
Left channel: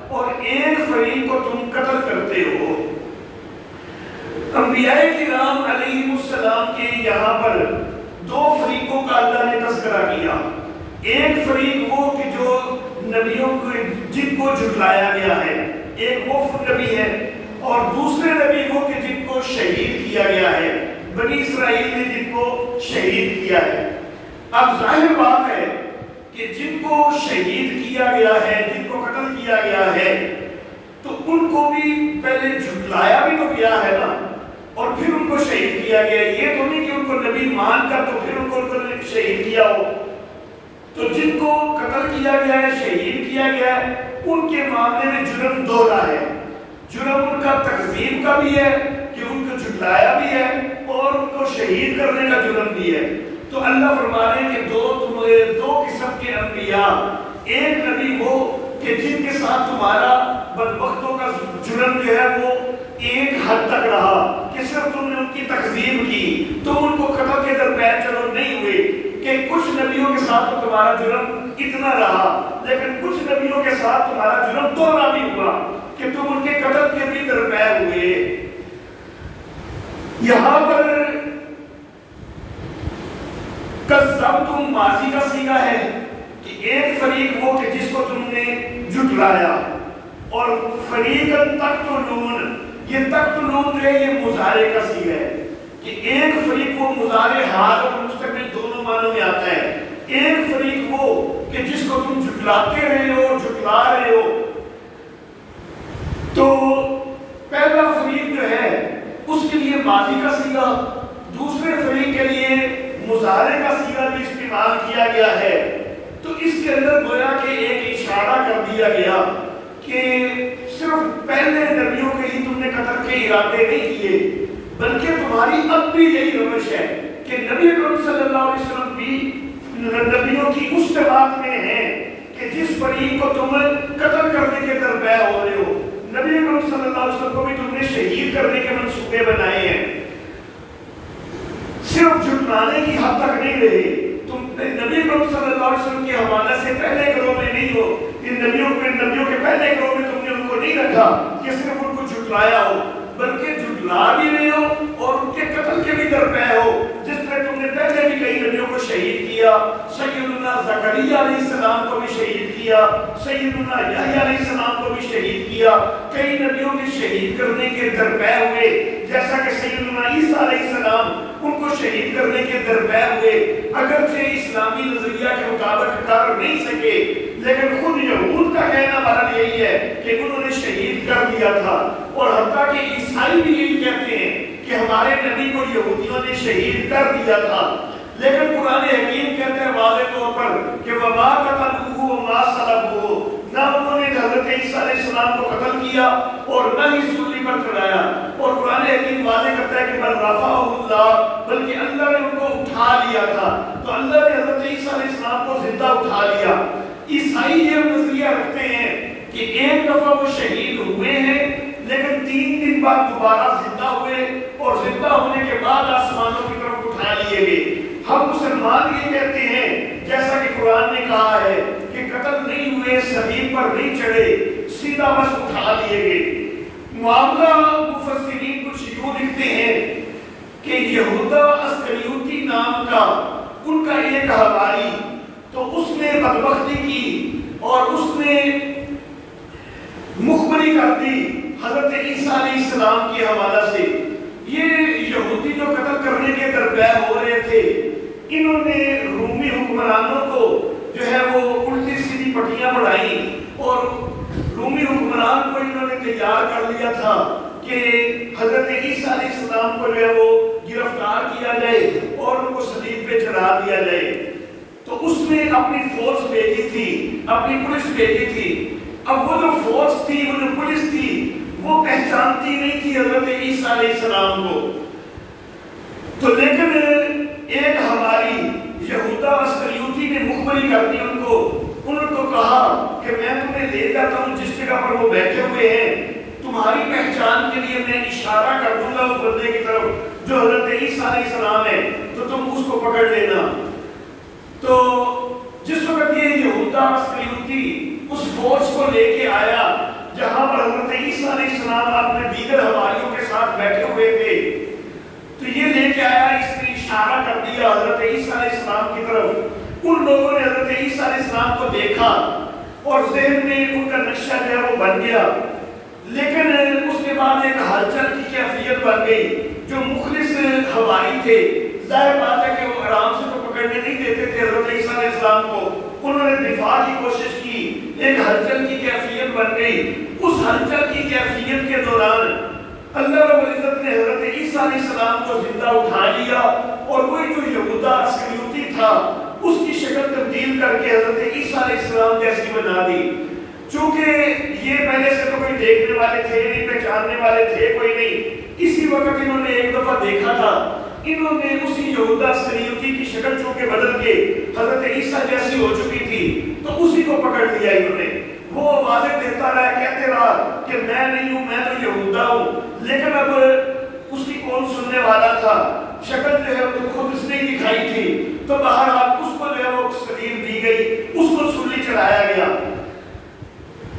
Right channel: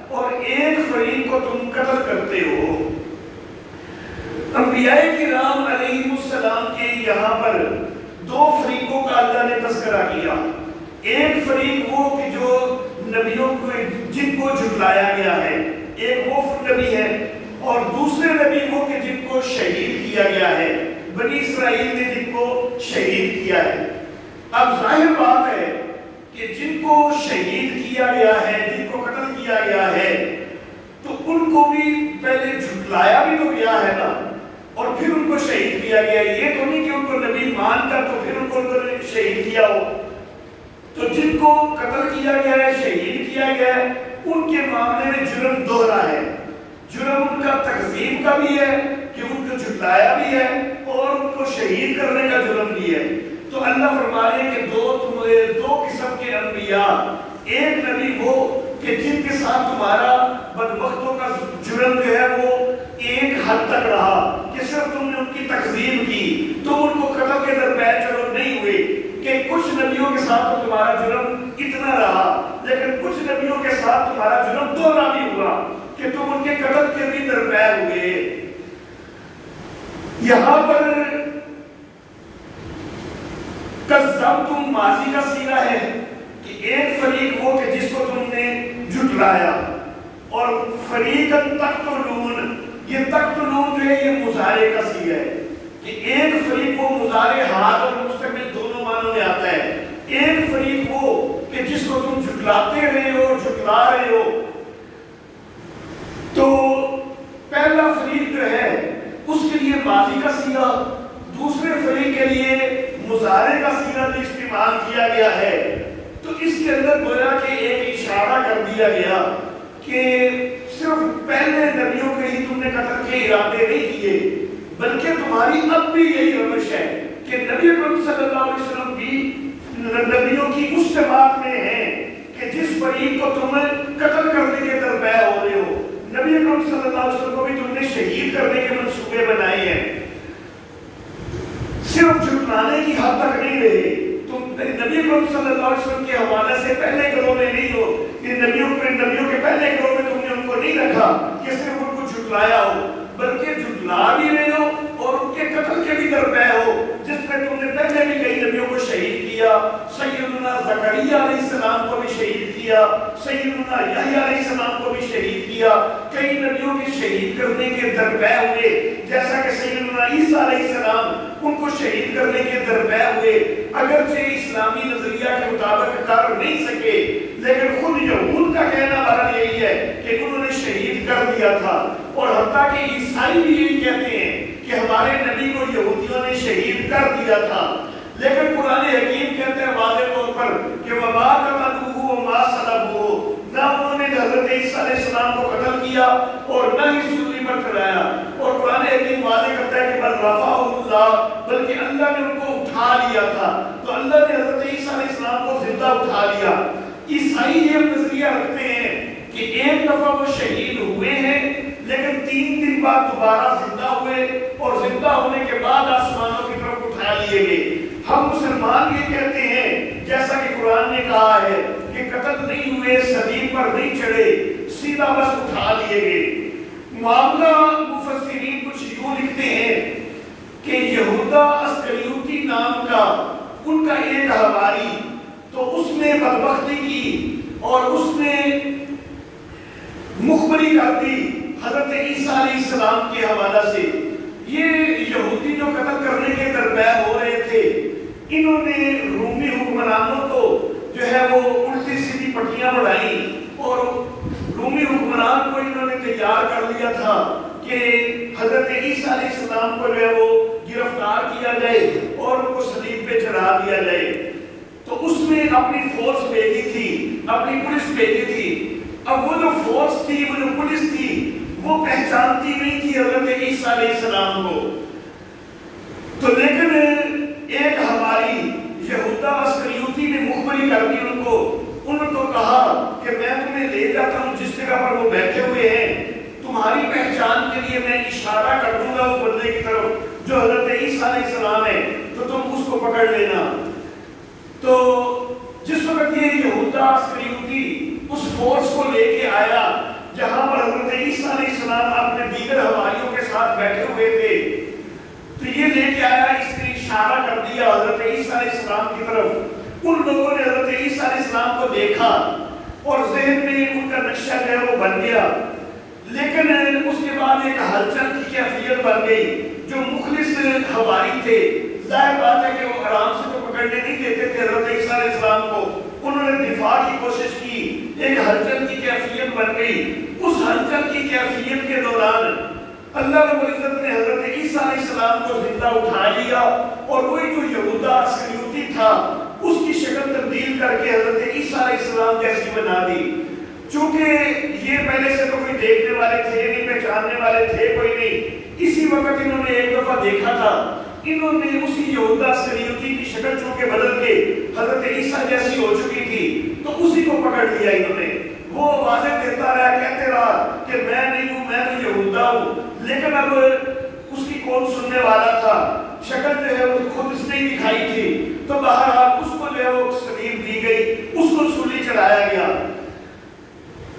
اور ایک فریق کو تم قتل کرتے ہو. انبیاء کرام علیہ السلام کے یہاں پر دو فریقوں کا اللہ نے تذکرہ کیا. ایک فریق وہ کہ جو نبیوں کو جن کو جھٹلایا گیا ہے، ایک وہ نبی ہے، اور دوسرے نبی وہ کہ جن کو شہید کیا گیا ہے، بنی اسرائیل نے جن کو شہید کیا ہے. اب ظاہر بات ہے کہ جن کو شہید کیا گیا ہے، جن کو قتل کیا گیا ہے، تو ان کو بھی پہلے جھٹلایا بھی تو گیا ہے نا، اور پھر ان کو شہید کیا گیا. یہ تو نہیں کہ ان کو نبی مان کر تو پھر ان کو شہید کیا ہو. تو جن کو قتل کیا گیا ہے، شہید کیا گیا ہے، ان کے معاملے میں جرم دوہرا ہے۔ جرم ان کا تکذیب کا بھی ہے کہ ان کو جھٹلایا بھی ہے، اور ان کو شہید کرنے کا جرم بھی ہے۔ تو اللہ فرما رہے ہیں کہ دو قسم کے انبیاء، ایک نبی وہ کہ جن کے ساتھ تمہارا بدبختوں کا جرم جو ہے وہ ایک حد تک رہا کہ صرف تم نے ان کی تکذیب کی، تو ان کو قتل کے درمیان چلو نہیں ہوئے، کہ کچھ نبیوں کے ساتھ تو تمہارا جرم اتنا رہا، لیکن کچھ نبیوں کے ساتھ تمہارا جرم دوہرا بھی ہوا کہ تم ان کے قتل کے بھی درمیان ہوئے۔ یہاں پر کذبتم ماضی کا صیغہ ہے کہ ایک فریق وہ کہ جس کو تم نے جھٹلایا، اور فریقاً تقتلون، یہ تقتلون جو ہے یہ مضارع کا صیغہ ہے کہ ایک فریق وہ مضارع حال اور مستقبل دونوں معنوں میں آتا ہے۔ ایک فریق وہ کہ جس کو تم جھٹلاتے رہے ہو، جھٹلا رہے ہو، تو پہلا فریق جو ہے اس کے لیے ماضی کا صیغہ، دوسرے فریق کے لیے مضارع کا صیغہ بھی استعمال کیا گیا ہے۔ تو اس کے اندر گویا کہ ایک اشارہ کر دیا گیا کہ صرف پہلے نبیوں کے ہی تم نے قتل کے ارادے نہیں کیے، بلکہ تمہاری اب بھی یہی روش ہے کہ نبی اکرم صلی اللہ علیہ وسلم بھی نبیوں کی اس جماعت میں ہیں کہ جس فریق کو تم قتل کرنے کے درپے ہو رہے ہو، نبی اکرم صلی اللہ علیہ وسلم کو بھی تم نے شہید کرنے کے منصوبے بنائے ہیں۔ صرف جھٹلانے کی حد تک نہیں رہے، تم نبی اکرم صلی اللہ علیہ وسلم کے حوالے سے پہلے گروہ میں نہیں ہو، یہ نبیوں کے پہلے گروہ میں تم نے ان کو نہیں رکھا کہ صرف ان کو جھٹلایا ہو، بلکہ جھٹلا بھی رہے ہو اور ان کے قتل کے بھی درپے ہو، جس طرح تم نے پہلے بھی کئی نبیوں کو شہید کیا، سیدنا زکریا علیہ السلام کو بھی شہید کیا، سیدنا یحییٰ علیہ السلام کو بھی شہید کیا، کئی نبیوں کے شہید کرنے کے درپے ہوئے، جیسا کہ سیدنا عیسیٰ علیہ السلام ان کو شہید کرنے کے درپے ہوئے، اگرچہ اسلامی نظریہ کے مطابق کر نہیں سکے، لیکن خود یہود کا کہنا بہرحال یہی ہے کہ انہوں نے شہید کر دیا تھا، اور حتیٰ کہ عیسائی بھی یہی کہتے ہیں کہ ہمارے نبی کو یہودیوں نے شہید کر دیا تھا۔ لیکن قرآن حکیم کہتے ہیں واضح طور پر کہ وَمَا قَتَلُوهُ وَمَا صَلَبُوهُ، نہ انہوں نے حضرت عیسیٰ علیہ السلام کو قتل کیا اور نہ ہی سولی پر چڑھایا، اور قرآن حکیم واضح کرتا ہے کہ بل رفعہ اللہ، بلکہ اللہ نے ان کو اٹھا لیا تھا، تو اللہ نے حضرت عیسیٰ علیہ السلام کو زندہ اٹھا لیا۔ عیسائی یہ نظریہ رکھتے ہیں کہ ایک دفعہ وہ شہید ہوئے ہیں، لیکن 3 دن بعد دوبارہ زندہ ہوئے، اور زندہ ہونے کے بعد آسمانوں کی طرف اٹھا لیے گئے۔ ہم مسلمان یہ کہتے ہیں جیسا کہ قرآن نے کہا ہے کہ قتل نہیں ہوئے، صلیب پر نہیں چڑھے، سیدھا بس اٹھا لیے گئے۔ معاملہ مفسرین کچھ یوں لکھتے ہیں کہ یہودا اسکریوتی نام کا ان کا ایک حواری، تو اس نے بدبختی کی اور اس نے مخبری کر دی حضرت عیسیٰ علیہ السلام کے حوالہ سے۔ یہ یہودی جو قتل کرنے کے درپے ہو رہے تھے، انہوں نے رومی حکمرانوں کو جو ہے وہ الٹی سیدھی پٹیاں بڑھائیں، اور رومی حکمران کو انہوں نے تیار کر لیا تھا کہ حضرت عیسیٰ علیہ السلام کو جو ہے وہ گرفتار کیا جائے اور ان کو صلیب پہ چڑھا دیا جائے۔ تو اس نے اپنی فورس بھیجی تھی، اپنی پولیس بھیجی تھی۔ اب وہ جو فورس تھی، وہ جو پولیس تھی، وہ پہچانتی نہیں تھی حضرت عیسیٰ علیہ السلام کو۔ تو لیکن ایک ہماری یہودا اسکریوتی نے مخبری کر دی ان کو، انہوں کو کہا کہ میں تمہیں لے جاتا ہوں جس جگہ پر وہ بیٹھے ہوئے ہیں، تمہاری پہچان کے لیے میں اشارہ کر دوں گا اس بندے کی طرف جو حضرت عیسیٰ علیہ السلام ہے، تو تم اس کو پکڑ لینا۔ تو جس وقت یہ یہودا اسکریوتی اس فورس کو لے کے آیا جہاں پر حضرت عیسیٰ علیہ السلام اپنے دیگر حواریوں کے ساتھ بیٹھے ہوئے تھے، تو یہ لے کے آیا، اس نے اشارہ کر دیا حضرت عیسیٰ علیہ السلام کی طرف۔ ان لوگوں نے حضرت عیسیٰ علیہ السلام کو دیکھا اور ذہن میں ان کا نقشہ جو ہے وہ بن گیا، لیکن اس کے بعد ایک ہلچل کی کیفیت بن گئی۔ جو مخلص حواری تھے، ظاہر بات ہے کہ وہ آرام سے تو پکڑنے نہیں دیتے تھے حضرت عیسیٰ علیہ السلام کو، انہوں نے دفاع کی کوشش کی، ایک ہلچل کی کیفیت بن گئی۔ اس ہلچل کی کیفیت کے دوران اللہ رب العزت نے حضرت عیسیٰ علیہ السلام کو زندہ اٹھا لیا، اور وہی جو یہودا اسکریوتی تھا اس کی شکل تبدیل کر کے حضرت عیسیٰ علیہ السلام جیسی بنا دی. چونکہ یہ پہلے سے تو کوئی دیکھنے والے تھے نہیں، پہچاننے والے تھے کوئی نہیں. اسی وقت انہوں نے ایک دفعہ دیکھا تھا، انہوں نے اسی یہودا اسکریوتی کی شکل چونکہ بدل کے حضرت عیسیٰ جیسی ہو چکی تھی تو اسی کو پکڑ لیا انہوں نے. وہ واضح دیتا رہا، کہتے رہا کہ میں نہیں ہوں، میں تو یہودا ہوں. لیکن اب اس کی کون سننے والا تھا؟ شکل جو ہے وہ خود اس نے ہی دکھائی تھی. تو بہرحال اس کو جو ہے وہ سلیب دی گئی، اس کو سولی چڑھایا گیا.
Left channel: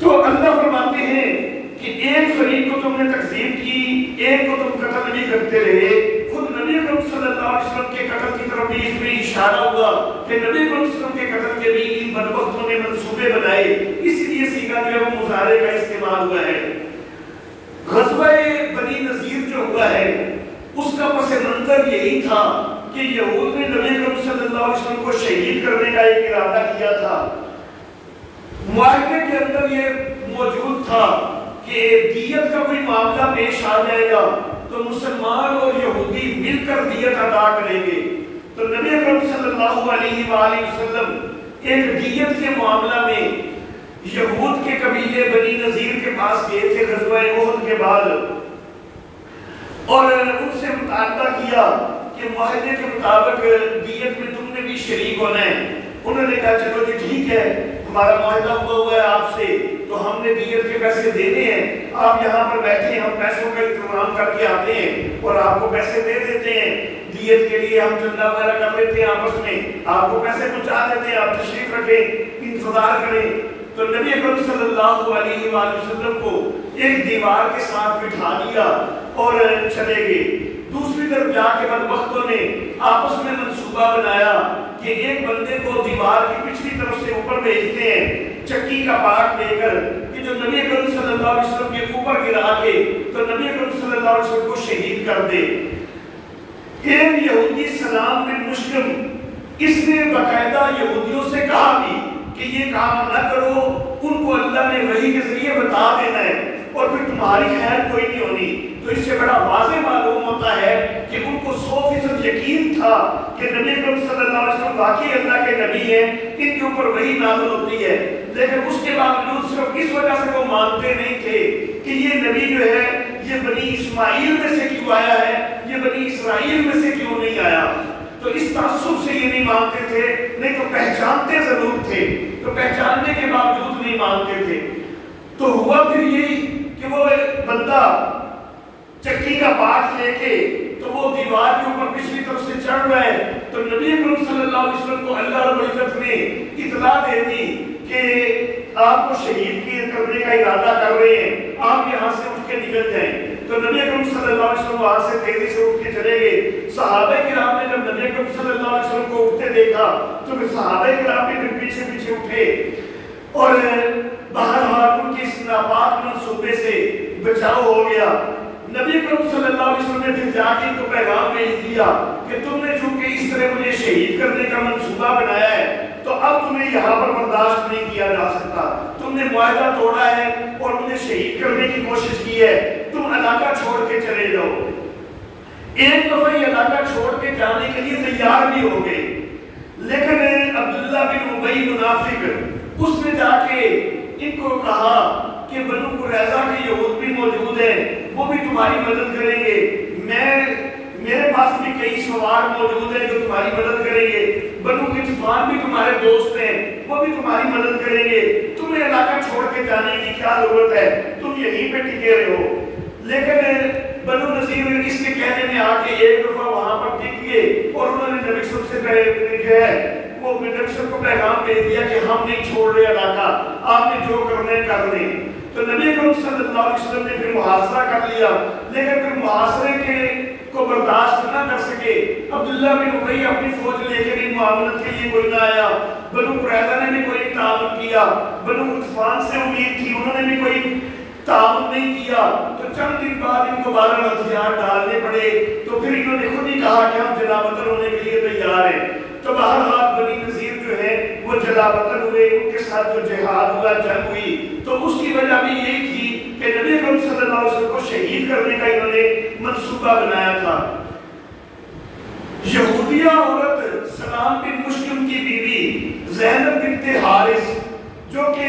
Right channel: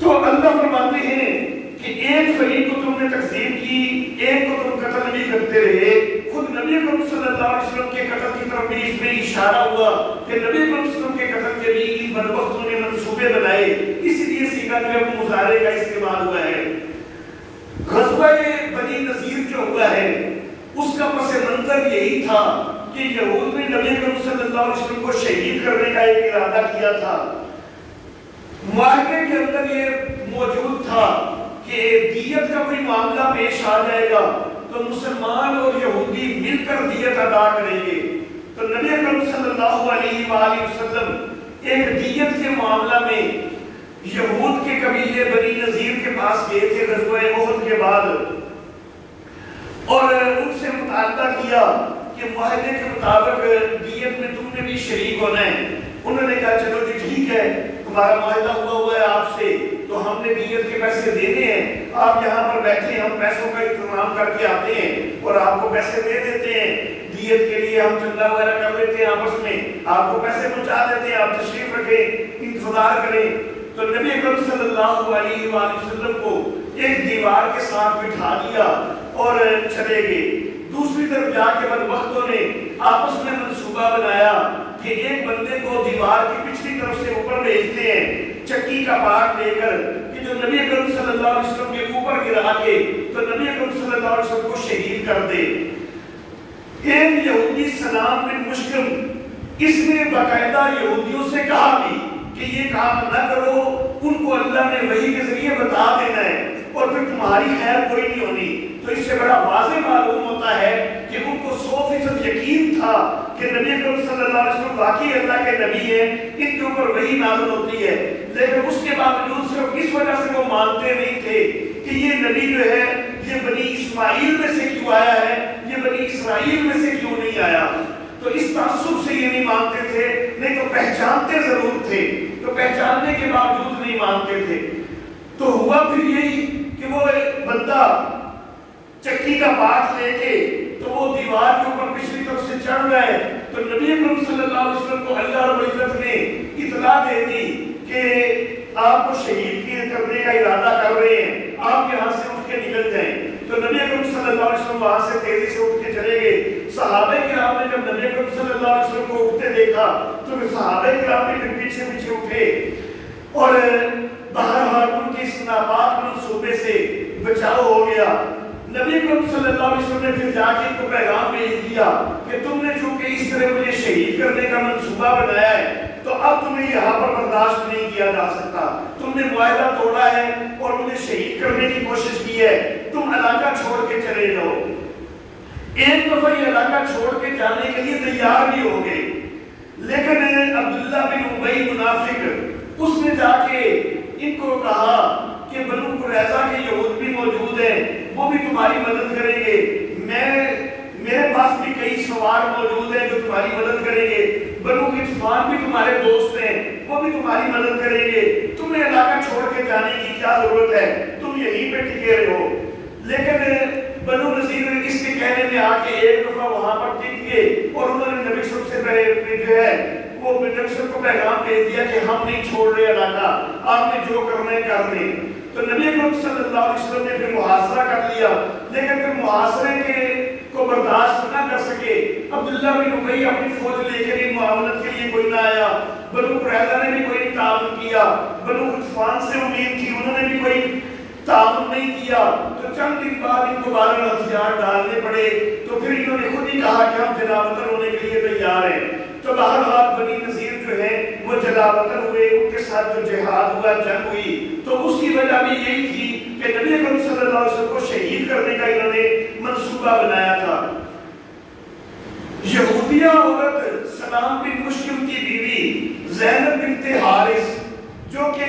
تو اللہ فرماتے ہیں کہ ایک فریق کو تم نے تقسیم کی، ایک کو تم قتل نہیں کرتے رہے. خود نبی اکرم صلی اللہ علیہ وسلم کے قتل کی طرف بھی اس میں اشارہ ہوا کہ نبی اکرم صلی اللہ علیہ وسلم کے قتل کے بھی ان بدبختوں نے منصوبے بنائے. اسی لیے سیکھا جو ہے وہ مظاہرے کا استعمال ہوا ہے. غزوہ بنی نذیر جو ہوا ہے اس کا پس منظر یہی تھا کہ یہود نے نبی اکرم صلی اللہ علیہ وسلم کو شہید کرنے کا ایک ارادہ کیا تھا. معاہدے کے اندر یہ موجود تھا کہ دیت کا کوئی معاملہ پیش آ جائے گا تو مسلمان اور یہودی مل کر دیت ادا کریں گے. تو نبی اکرم صلی اللہ علیہ وآلہ وسلم ایک دیت کے معاملہ میں یہود کے قبیلے بنی نذیر کے پاس گئے تھے غزوہ احد کے بعد، اور ان سے مطالبہ کیا کہ معاہدے کے مطابق دیت میں تم نے بھی شریک ہونا ہے. انہوں نے کہا چلو جی ٹھیک ہے، تمہارا معاہدہ ہوا ہے آپ سے تو ہم نے دیت کے پیسے دینے ہیں، آپ یہاں پر بیٹھے، ہم پیسوں کا انتظام کر کے آتے ہیں اور آپ کو پیسے دے دیتے ہیں. دیت کے لیے ہم چندہ وغیرہ کر لیتے ہیں آپس میں، آپ کو پیسے پہنچا دیتے ہیں، آپ تشریف رکھیں، انتظار کریں. تو نبی اکرم صلی اللہ علیہ وآلہ وسلم کو ایک دیوار کے ساتھ بٹھا دیا اور چلے گئے. دوسری طرف جا کے بدبختوں نے آپس میں منصوبہ بنایا کہ ایک بندے کو دیوار کی پچھلی طرف سے اوپر بھیجتے ہیں چکی کا پاٹ لے کر کہ جو نبی اکرم صلی اللہ علیہ وسلم کے اوپر گرا کے تو نبی اکرم صلی اللہ علیہ وسلم کو شہید کر دے. ایک یہودی سلام بن مشکم، اس نے باقاعدہ یہودیوں سے کہا بھی کہ یہ کام نہ کرو، ان کو اللہ نے وحی کے ذریعے بتا دینا ہے اور پھر تمہاری خیر کوئی نہیں ہونی. تو اس سے بڑا واضح معلوم ہوتا ہے کہ ان کو 100% یقین تھا کہ نبی اکرم صلی اللہ علیہ وسلم واقعی اللہ کے نبی ہیں، ان کے اوپر وحی نازل ہوتی ہے. لیکن اس کے باوجود صرف اس وجہ سے وہ مانتے نہیں تھے کہ یہ نبی جو ہے یہ بنی اسماعیل میں سے کیوں آیا ہے، یہ بنی اسرائیل میں سے کیوں نہیں آیا. تو اس تعصب سے یہ نہیں مانتے تھے، نہیں تو پہچانتے ضرور تھے، تو پہچاننے کے باوجود نہیں مانتے تھے. تو ہوا پھر یہی کہ وہ بندہ چکی کا پاٹ لے کے تو وہ دیوار کے اوپر پچھلی طرف سے چڑھ رہا ہے. تو نبی اکرم صلی اللہ علیہ وسلم کو اللہ رب العزت نے اطلاع دے دی کہ آپ کو شہید کرنے کا ارادہ کر رہے ہیں، آپ یہاں سے اٹھ کے نکل جائیں. تو نبی اکرم صلی اللہ علیہ وسلم وہاں سے تیزی سے اٹھ کے چلے گئے. صحابہ کرام نے جب نبی اکرم صلی اللہ علیہ وسلم کو اٹھتے دیکھا تو پھر صحابہ کرام بھی پھر پیچھے پیچھے اٹھے اور بہرحال ان کے اس ناپاک منصوبے سے بچاؤ ہو گیا. نبی اکرم صلی اللہ علیہ وسلم نے پھر جا کے ان کو پیغام بھیج دیا کہ تم نے چونکہ اس طرح مجھے شہید کرنے کا منصوبہ بنایا ہے تو اب تمہیں یہاں پر برداشت نہیں کیا جا سکتا. تم نے معاہدہ توڑا ہے اور مجھے شہید کرنے کی کوشش کی ہے، تم علاقہ چھوڑ کے چلے جاؤ. ایک دفعہ یہ علاقہ چھوڑ کے جانے کے لیے تیار بھی ہو گئے. لیکن عبداللہ بن ابی منافق اس نے جا کے ان کو کہا کہ بنو قریظہ کے یہود بھی موجود ہیں، وہ بھی تمہاری مدد کریں گے، میرے پاس بھی کئی سوار موجود ہیں جو تمہاری مدد کریں گے، بنو غطفان بھی تمہارے دوست ہیں، وہ بھی تمہاری مدد کریں گے، تمہیں علاقہ چھوڑ کے جانے کی کیا ضرورت ہے، تم یہیں پہ ٹکے رہو. لیکن بنو نذیر اس کے کہنے میں آ کے ایک دفعہ وہاں پر ٹک گئے اور انہوں نے نبی صلی اللہ علیہ وسلم سے جو ہے وہ نبی کو پیغام دے دیا کہ ہم نہیں چھوڑ رہے علاقہ، آپ نے جو کرنے کر لیں. تو نبی اکرم صلی اللہ علیہ وسلم نے پھر محاصرہ کر لیا. لیکن پھر محاصرے کو برداشت نہ کر سکے. عبداللہ بن ابی اپنی فوج لے کے بھی معاونت کے لیے کوئی نہ آیا. بنو قریظہ نے بھی کوئی تعاون کیا. بنو غطفان سے امید تھی، انہوں نے بھی کوئی تعاون نہیں کیا. تو چند دن بعد ان کو بارہ ہتھیار ڈالنے پڑے. تو پھر انہوں نے خود ہی کہا کہ ہم جلا وطن ہونے کے لیے تیار ہیں. تو بہرحال بنی نذیر جو ہے وہ جلا وطن ہوئے، ان کے ساتھ جو جہاد ہوا، جنگ ہوئی. تو اس کی وجہ بھی یہی تھی کہ نبی اکرم صلی اللہ علیہ وسلم کو شہید کرنے کا انہوں نے منصوبہ بنایا تھا. یہودیہ عورت سلام بن مشکم کی بیوی زینب بنت حارث جو کہ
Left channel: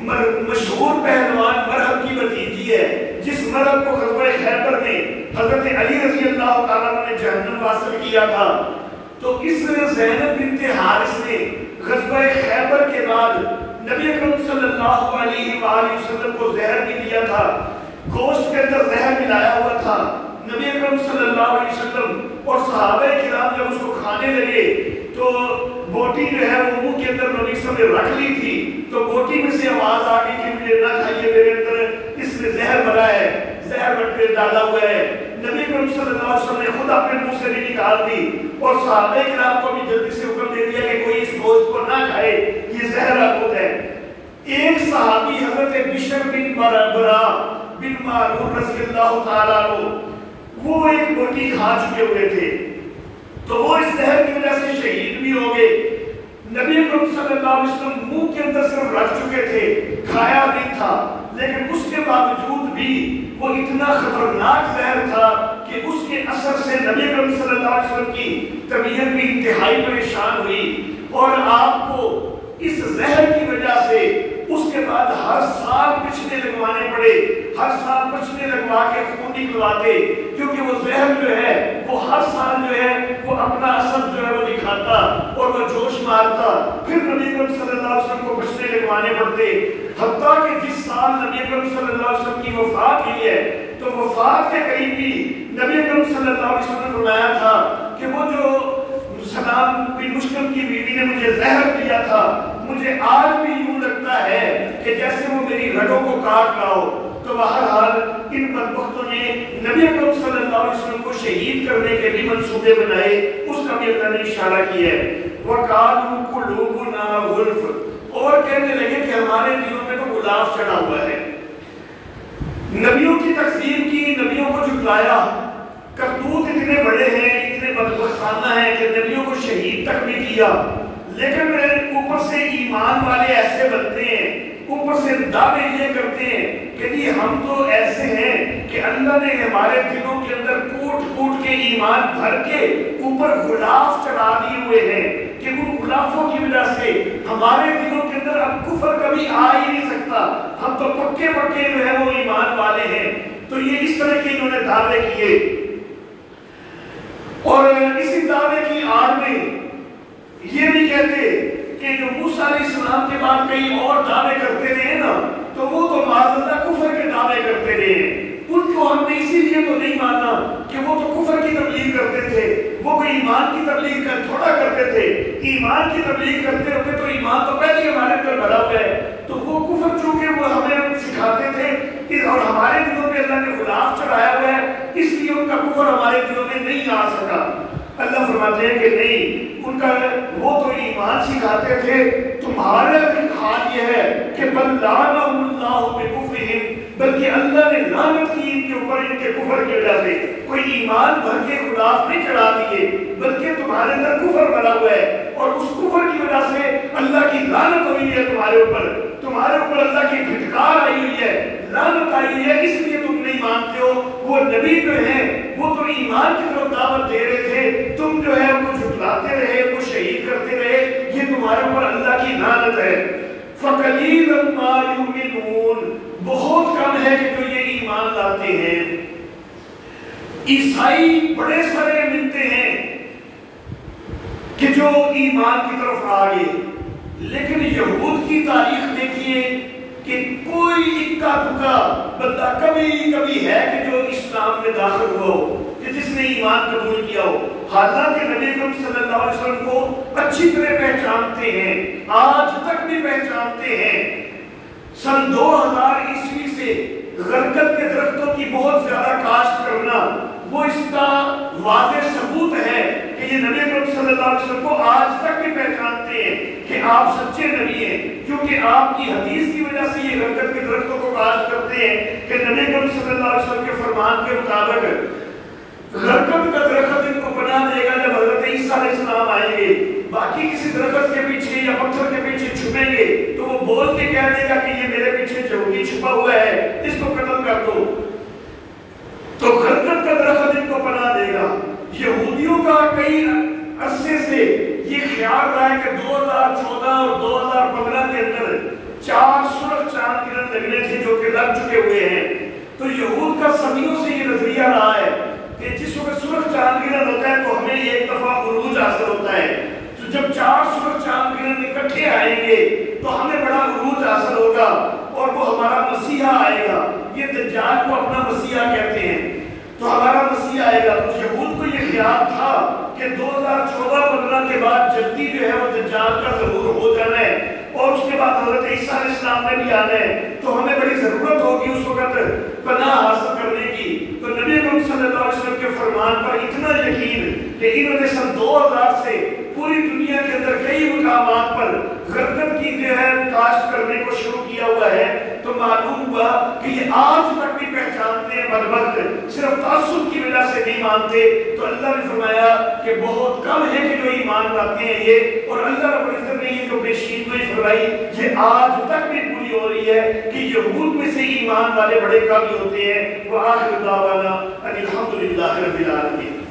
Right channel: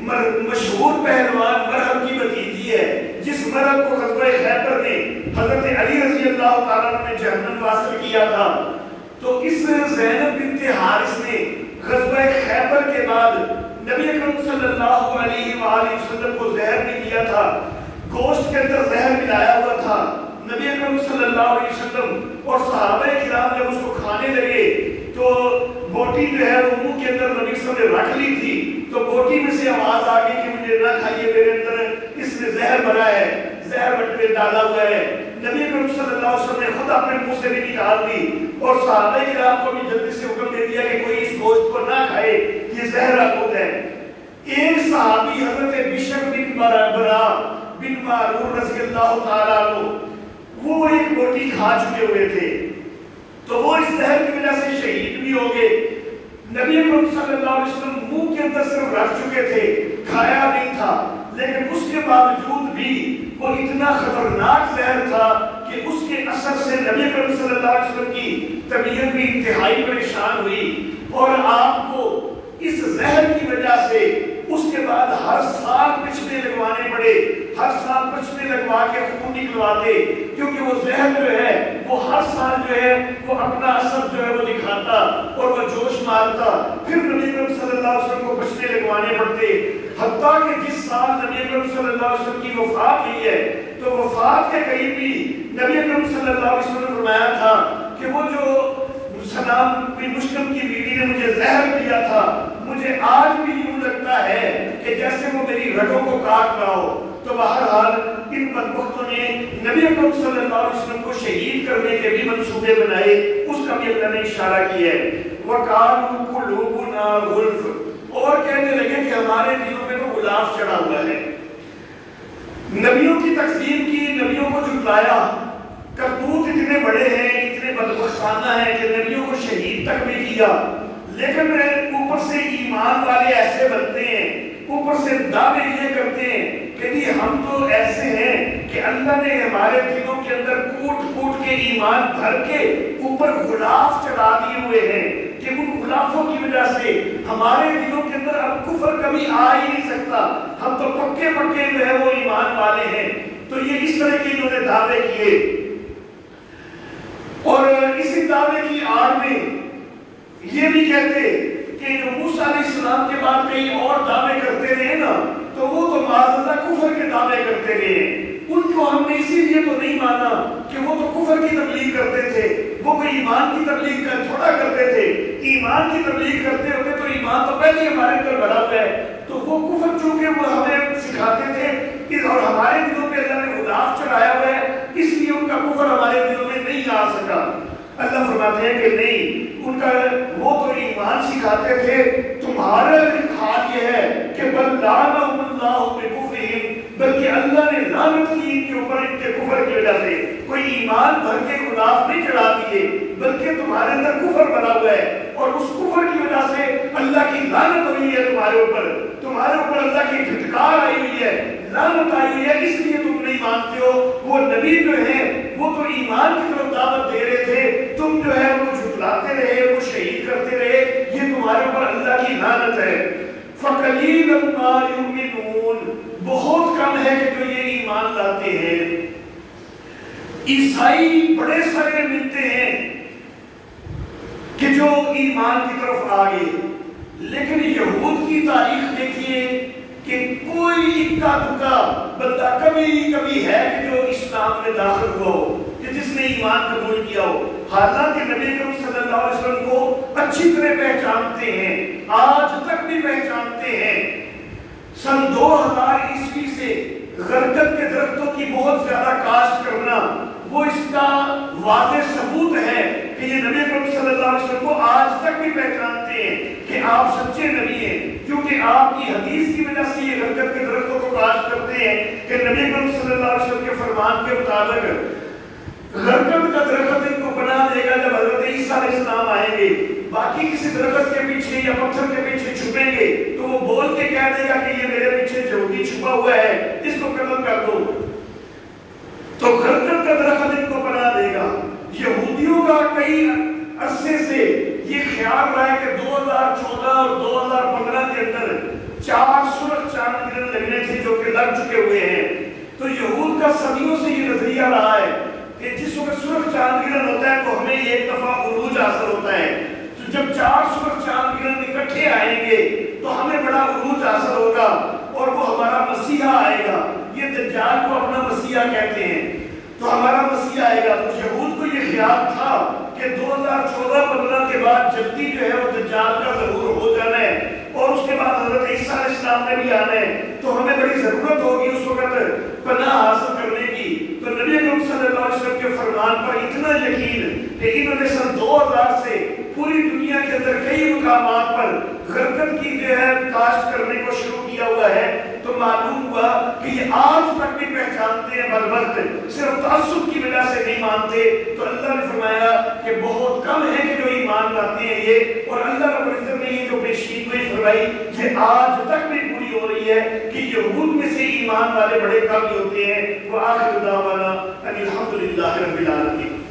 مشہور پہلوان مرحب کی بھتیجی ہے، جس مرحب کو غزوہ خیبر میں حضرت علی رضی اللہ تعالیٰ نے جہنم واصل کیا تھا، تو اس زینب بنت حارث نے غزوہ خیبر کے بعد نبی اکرم صلی اللہ علیہ وآلہ وسلم کو زہر بھی دیا تھا، گوشت کے اندر زہر ملایا ہوا تھا۔ نبی اکرم صلی اللہ علیہ وسلم اور صحابہ کرام جب اس کو کھانے لگے تو بوٹی جو ہے وہ منہ کے اندر نبی صلی اللہ علیہ وسلم نے رکھ لی تھی، تو بوٹی میں سے آواز آ گئی کہ مجھے نہ کھائیے، میرے اندر اس میں زہر بھرا ہے، زہر بٹ میں ڈالا ہوا ہے۔ نبی اکرم صلی اللہ علیہ وسلم نے خود اپنے منہ سے بھی نکال دی اور صحابہ کرام کو بھی جلدی سے حکم دے دیا کہ کوئی اس گوشت کو نہ کھائے، یہ زہر آلود ہے۔ ایک صحابی حضرت بشر بن برا بن معرور رضی اللہ تعالیٰ عنہ، وہ ایک بوٹی کھا چکے ہوئے تھے، تو وہ اس زہر کی وجہ سے شہید بھی ہو گئے۔ نبی اکرم صلی اللہ علیہ وسلم منہ کے اندر صرف رکھ چکے تھے، کھایا نہیں تھا، لیکن اس کے باوجود بھی وہ اتنا خطرناک زہر تھا کہ اس کے اثر سے نبی اکرم صلی اللہ علیہ وسلم کی طبیعت بھی انتہائی پریشان ہوئی، اور آپ کو اس زہر کی وجہ سے اس کے بعد ہر سال پچھنے لگوانے پڑے، ہر سال پچھنے لگوا کے خون نکلواتے، کیونکہ وہ زہر جو ہے وہ ہر سال جو ہے وہ اپنا اثر جو ہے وہ دکھاتا اور وہ جوش مارتا، پھر نبی اکرم صلی اللہ علیہ وسلم کو پچھنے لگوانے پڑتے، حتیٰ کہ جس سال نبی اکرم صلی اللہ علیہ وسلم کی وفات ہوئی ہے تو وفات کے قریب بھی نبی اکرم صلی اللہ علیہ وسلم نے فرمایا تھا کہ وہ جو سلام بن مشکم کی بیوی نے مجھے زہر دیا تھا، مجھے آج بھی یوں لگتا ہے کہ جیسے وہ میری رگوں کو کاٹ رہا ہو۔ تو بہرحال ان بدبختوں نے نبی اکرم صلی اللہ علیہ وسلم کو شہید کرنے کے بھی منصوبے بنائے، اس کا بھی اللہ نے اشارہ کیا ہے۔ وَقَالُوا قُلُوبُنَا غُلْفٌ، اور کہنے لگے کہ ہمارے دلوں میں تو غلاف چڑھا ہوا ہے۔ نبیوں کی تکذیب کی، نبیوں کو جھٹلایا، کرتوت اتنے بڑے ہیں، اتنے بدبختانہ ہیں کہ نبیوں کو شہید تک بھی کیا، لیکن اوپر سے ایمان والے ایسے بنتے ہیں، اوپر سے دعوے یہ کرتے ہیں کہ یہ ہم تو ایسے ہیں کہ اللہ نے ہمارے دلوں کے اندر کوٹ کوٹ کے ایمان بھر کے اوپر غلاف چڑھا دیے ہوئے ہیں کہ ان غلافوں کی وجہ سے ہمارے دلوں کے اندر اب کفر کبھی آ ہی نہیں سکتا، ہم تو پکے پکے جو ہے وہ ایمان والے ہیں۔ تو یہ اس طرح کے انہوں نے دعوے کیے، اور اسی دعوے کی آڑ میں یہ بھی کہتے کہ جو موسیٰ علیہ السلام کے بعد کئی اور دعوے کرتے رہے نا، تو وہ تو معاذ اللہ کفر کے دعوے کرتے رہے، ان کو ہم نے اسی لیے تو نہیں مانا کہ وہ تو کفر کی تبلیغ کرتے تھے، وہ کوئی ایمان کی تبلیغ تھوڑا کرتے تھے، ایمان کی تبلیغ کرتے ہوتے تو ایمان تو پہلے ہمارے اندر بھرا ہوا ہے، تو وہ کفر چونکہ وہ ہمیں سکھاتے تھے اور ہمارے دلوں پہ اللہ نے غلاف چڑھایا ہوا ہے، اس لیے ان کا کفر ہمارے دلوں میں نہیں آ سکا۔ اللہ فرماتے ہیں کہ نہیں، ان کا وہ تو ایمان سکھاتے تھے، تمہارا حال یہ ہے کہ بل لعنہم اللہ بکفرہم، بلکہ اللہ نے لعنت کی ان کے اوپر ان کے کفر کی وجہ سے، کوئی ایمان بھر کے غلاف نہیں چڑھا دیے، بلکہ تمہارے اندر کفر بھرا ہوا ہے، اور اس کفر کی وجہ سے اللہ کی لعنت ہوئی ہے تمہارے اوپر اللہ کی پھٹکار آئی ہوئی ہے، لعنت آئی ہوئی ہے، اس لیے تم نہیں مانتے ہو۔ وہ نبی جو ہیں وہ تو ایمان کی طرف دعوت دے رہے تھے، تم جو ہے ان کو جھٹلاتے رہے، ان کو شہید کرتے رہے، یہ تمہارے اوپر اللہ کی لعنت ہے۔ فَقَلِيلًا مَا يُؤْمِنُونَ، بہت کم ہے کہ جو یہ ایمان لاتے ہیں۔ عیسائی بڑے سارے ملتے ہیں کہ جو ایمان کی طرف آ گئے، لیکن یہود کی تاریخ دیکھیے کہ کوئی اکا دکا بندہ کبھی ہے کہ جو اسلام میں داخل ہوا ہو، کہ جس نے ایمان قبول کیا ہو، حالانکہ نبی اکرم صلی اللہ علیہ وسلم کو اچھی طرح پہچانتے ہیں، آج تک بھی پہچانتے ہیں۔ سن 2000 عیسوی سے غرقت کے درختوں کی بہت زیادہ کاشت کرنا، وہ اس کا واضح ثبوت ہے کہ یہ نبی اکرم صلی اللہ علیہ وسلم کو آج تک بھی پہچانتے ہیں کہ آپ سچے نبی ہیں، کیونکہ آپ کی حدیث کی وجہ سے یہ غرقت کے درختوں کو کاشت کرتے ہیں کہ نبی اکرم صلی اللہ علیہ وسلم کے فرمان کے مطابق غرقت کا درخت ان کو بنا دے گا جب حضرت عیسیٰ علیہ السلام آئیں گے، باقی کسی درخت کے پیچھے یا پتھر کے پیچھے چھپیں گے تو وہ بول کے کہہ دے گا کہ یہ میرے پیچھے یہودی چھپا ہوا ہے، اس کو قتل کر دو، تو غرقت کا درخت ان کو بنا دے گا۔ یہودیوں کا کئی عرصے سے یہ خیال رہا ہے کہ 2014 اور 2015 کے اندر 4 سرخ چاند گرہن لگنے تھے جو کہ لگ چکے ہوئے ہیں. تو یہود کا صدیوں سے یہ نظریہ رہا ہے کہ جس وقت سرخ چاند گرہن ہوتا ہے تو ہمیں ایک دفعہ عروج حاصل ہوتا ہے. تو جب 4 سرخ چاند گرہن اکٹھے آئیں گے تو ہمیں بڑا عروج حاصل ہوگا اور وہ ہمارا مسیحا آئے گا. یہ دجال کو اپنا مسیحا کہتے ہیں. تو ہمارا مسیحا آئے گا. تو یہود کو یہ خیال تھا کہ 2014-15 کے بعد جلدی جو ہے وہ دجال کا ظہور ہو جانا ہے اور اس کے بعد حضرت عیسیٰ علیہ السلام نے بھی آنا ہے. تو ہمیں بڑی ضرورت ہوگی اس وقت پناہ حاصل کرنے کی. تو نبی اکرم صلی اللہ علیہ وسلم کے فرمان پر اتنا یقین کہ انہوں نے سن 2000 سے پوری دنیا کے اندر کئی مقامات پر غرقت کی جو ہے کاشت کرنے کو شروع کیا ہوا ہے. تو معلوم ہوا کہ یہ آج تک بھی پہچانتے ہیں بلبلت صرف تعصب کی وجہ سے نہیں مانتے. تو اللہ نے فرمایا کہ بہت کم ہے کہ جو ایمان لاتے ہیں یہ. اور اللہ رب العزت نے یہ جو پیشین گوئی فرمائی یہ آج تک بھی پوری ہو رہی ہے کہ یہود میں سے ایمان والے بڑے کم ہوتے ہیں. وآخر دعوانا ان الحمد للہ رب العالمین.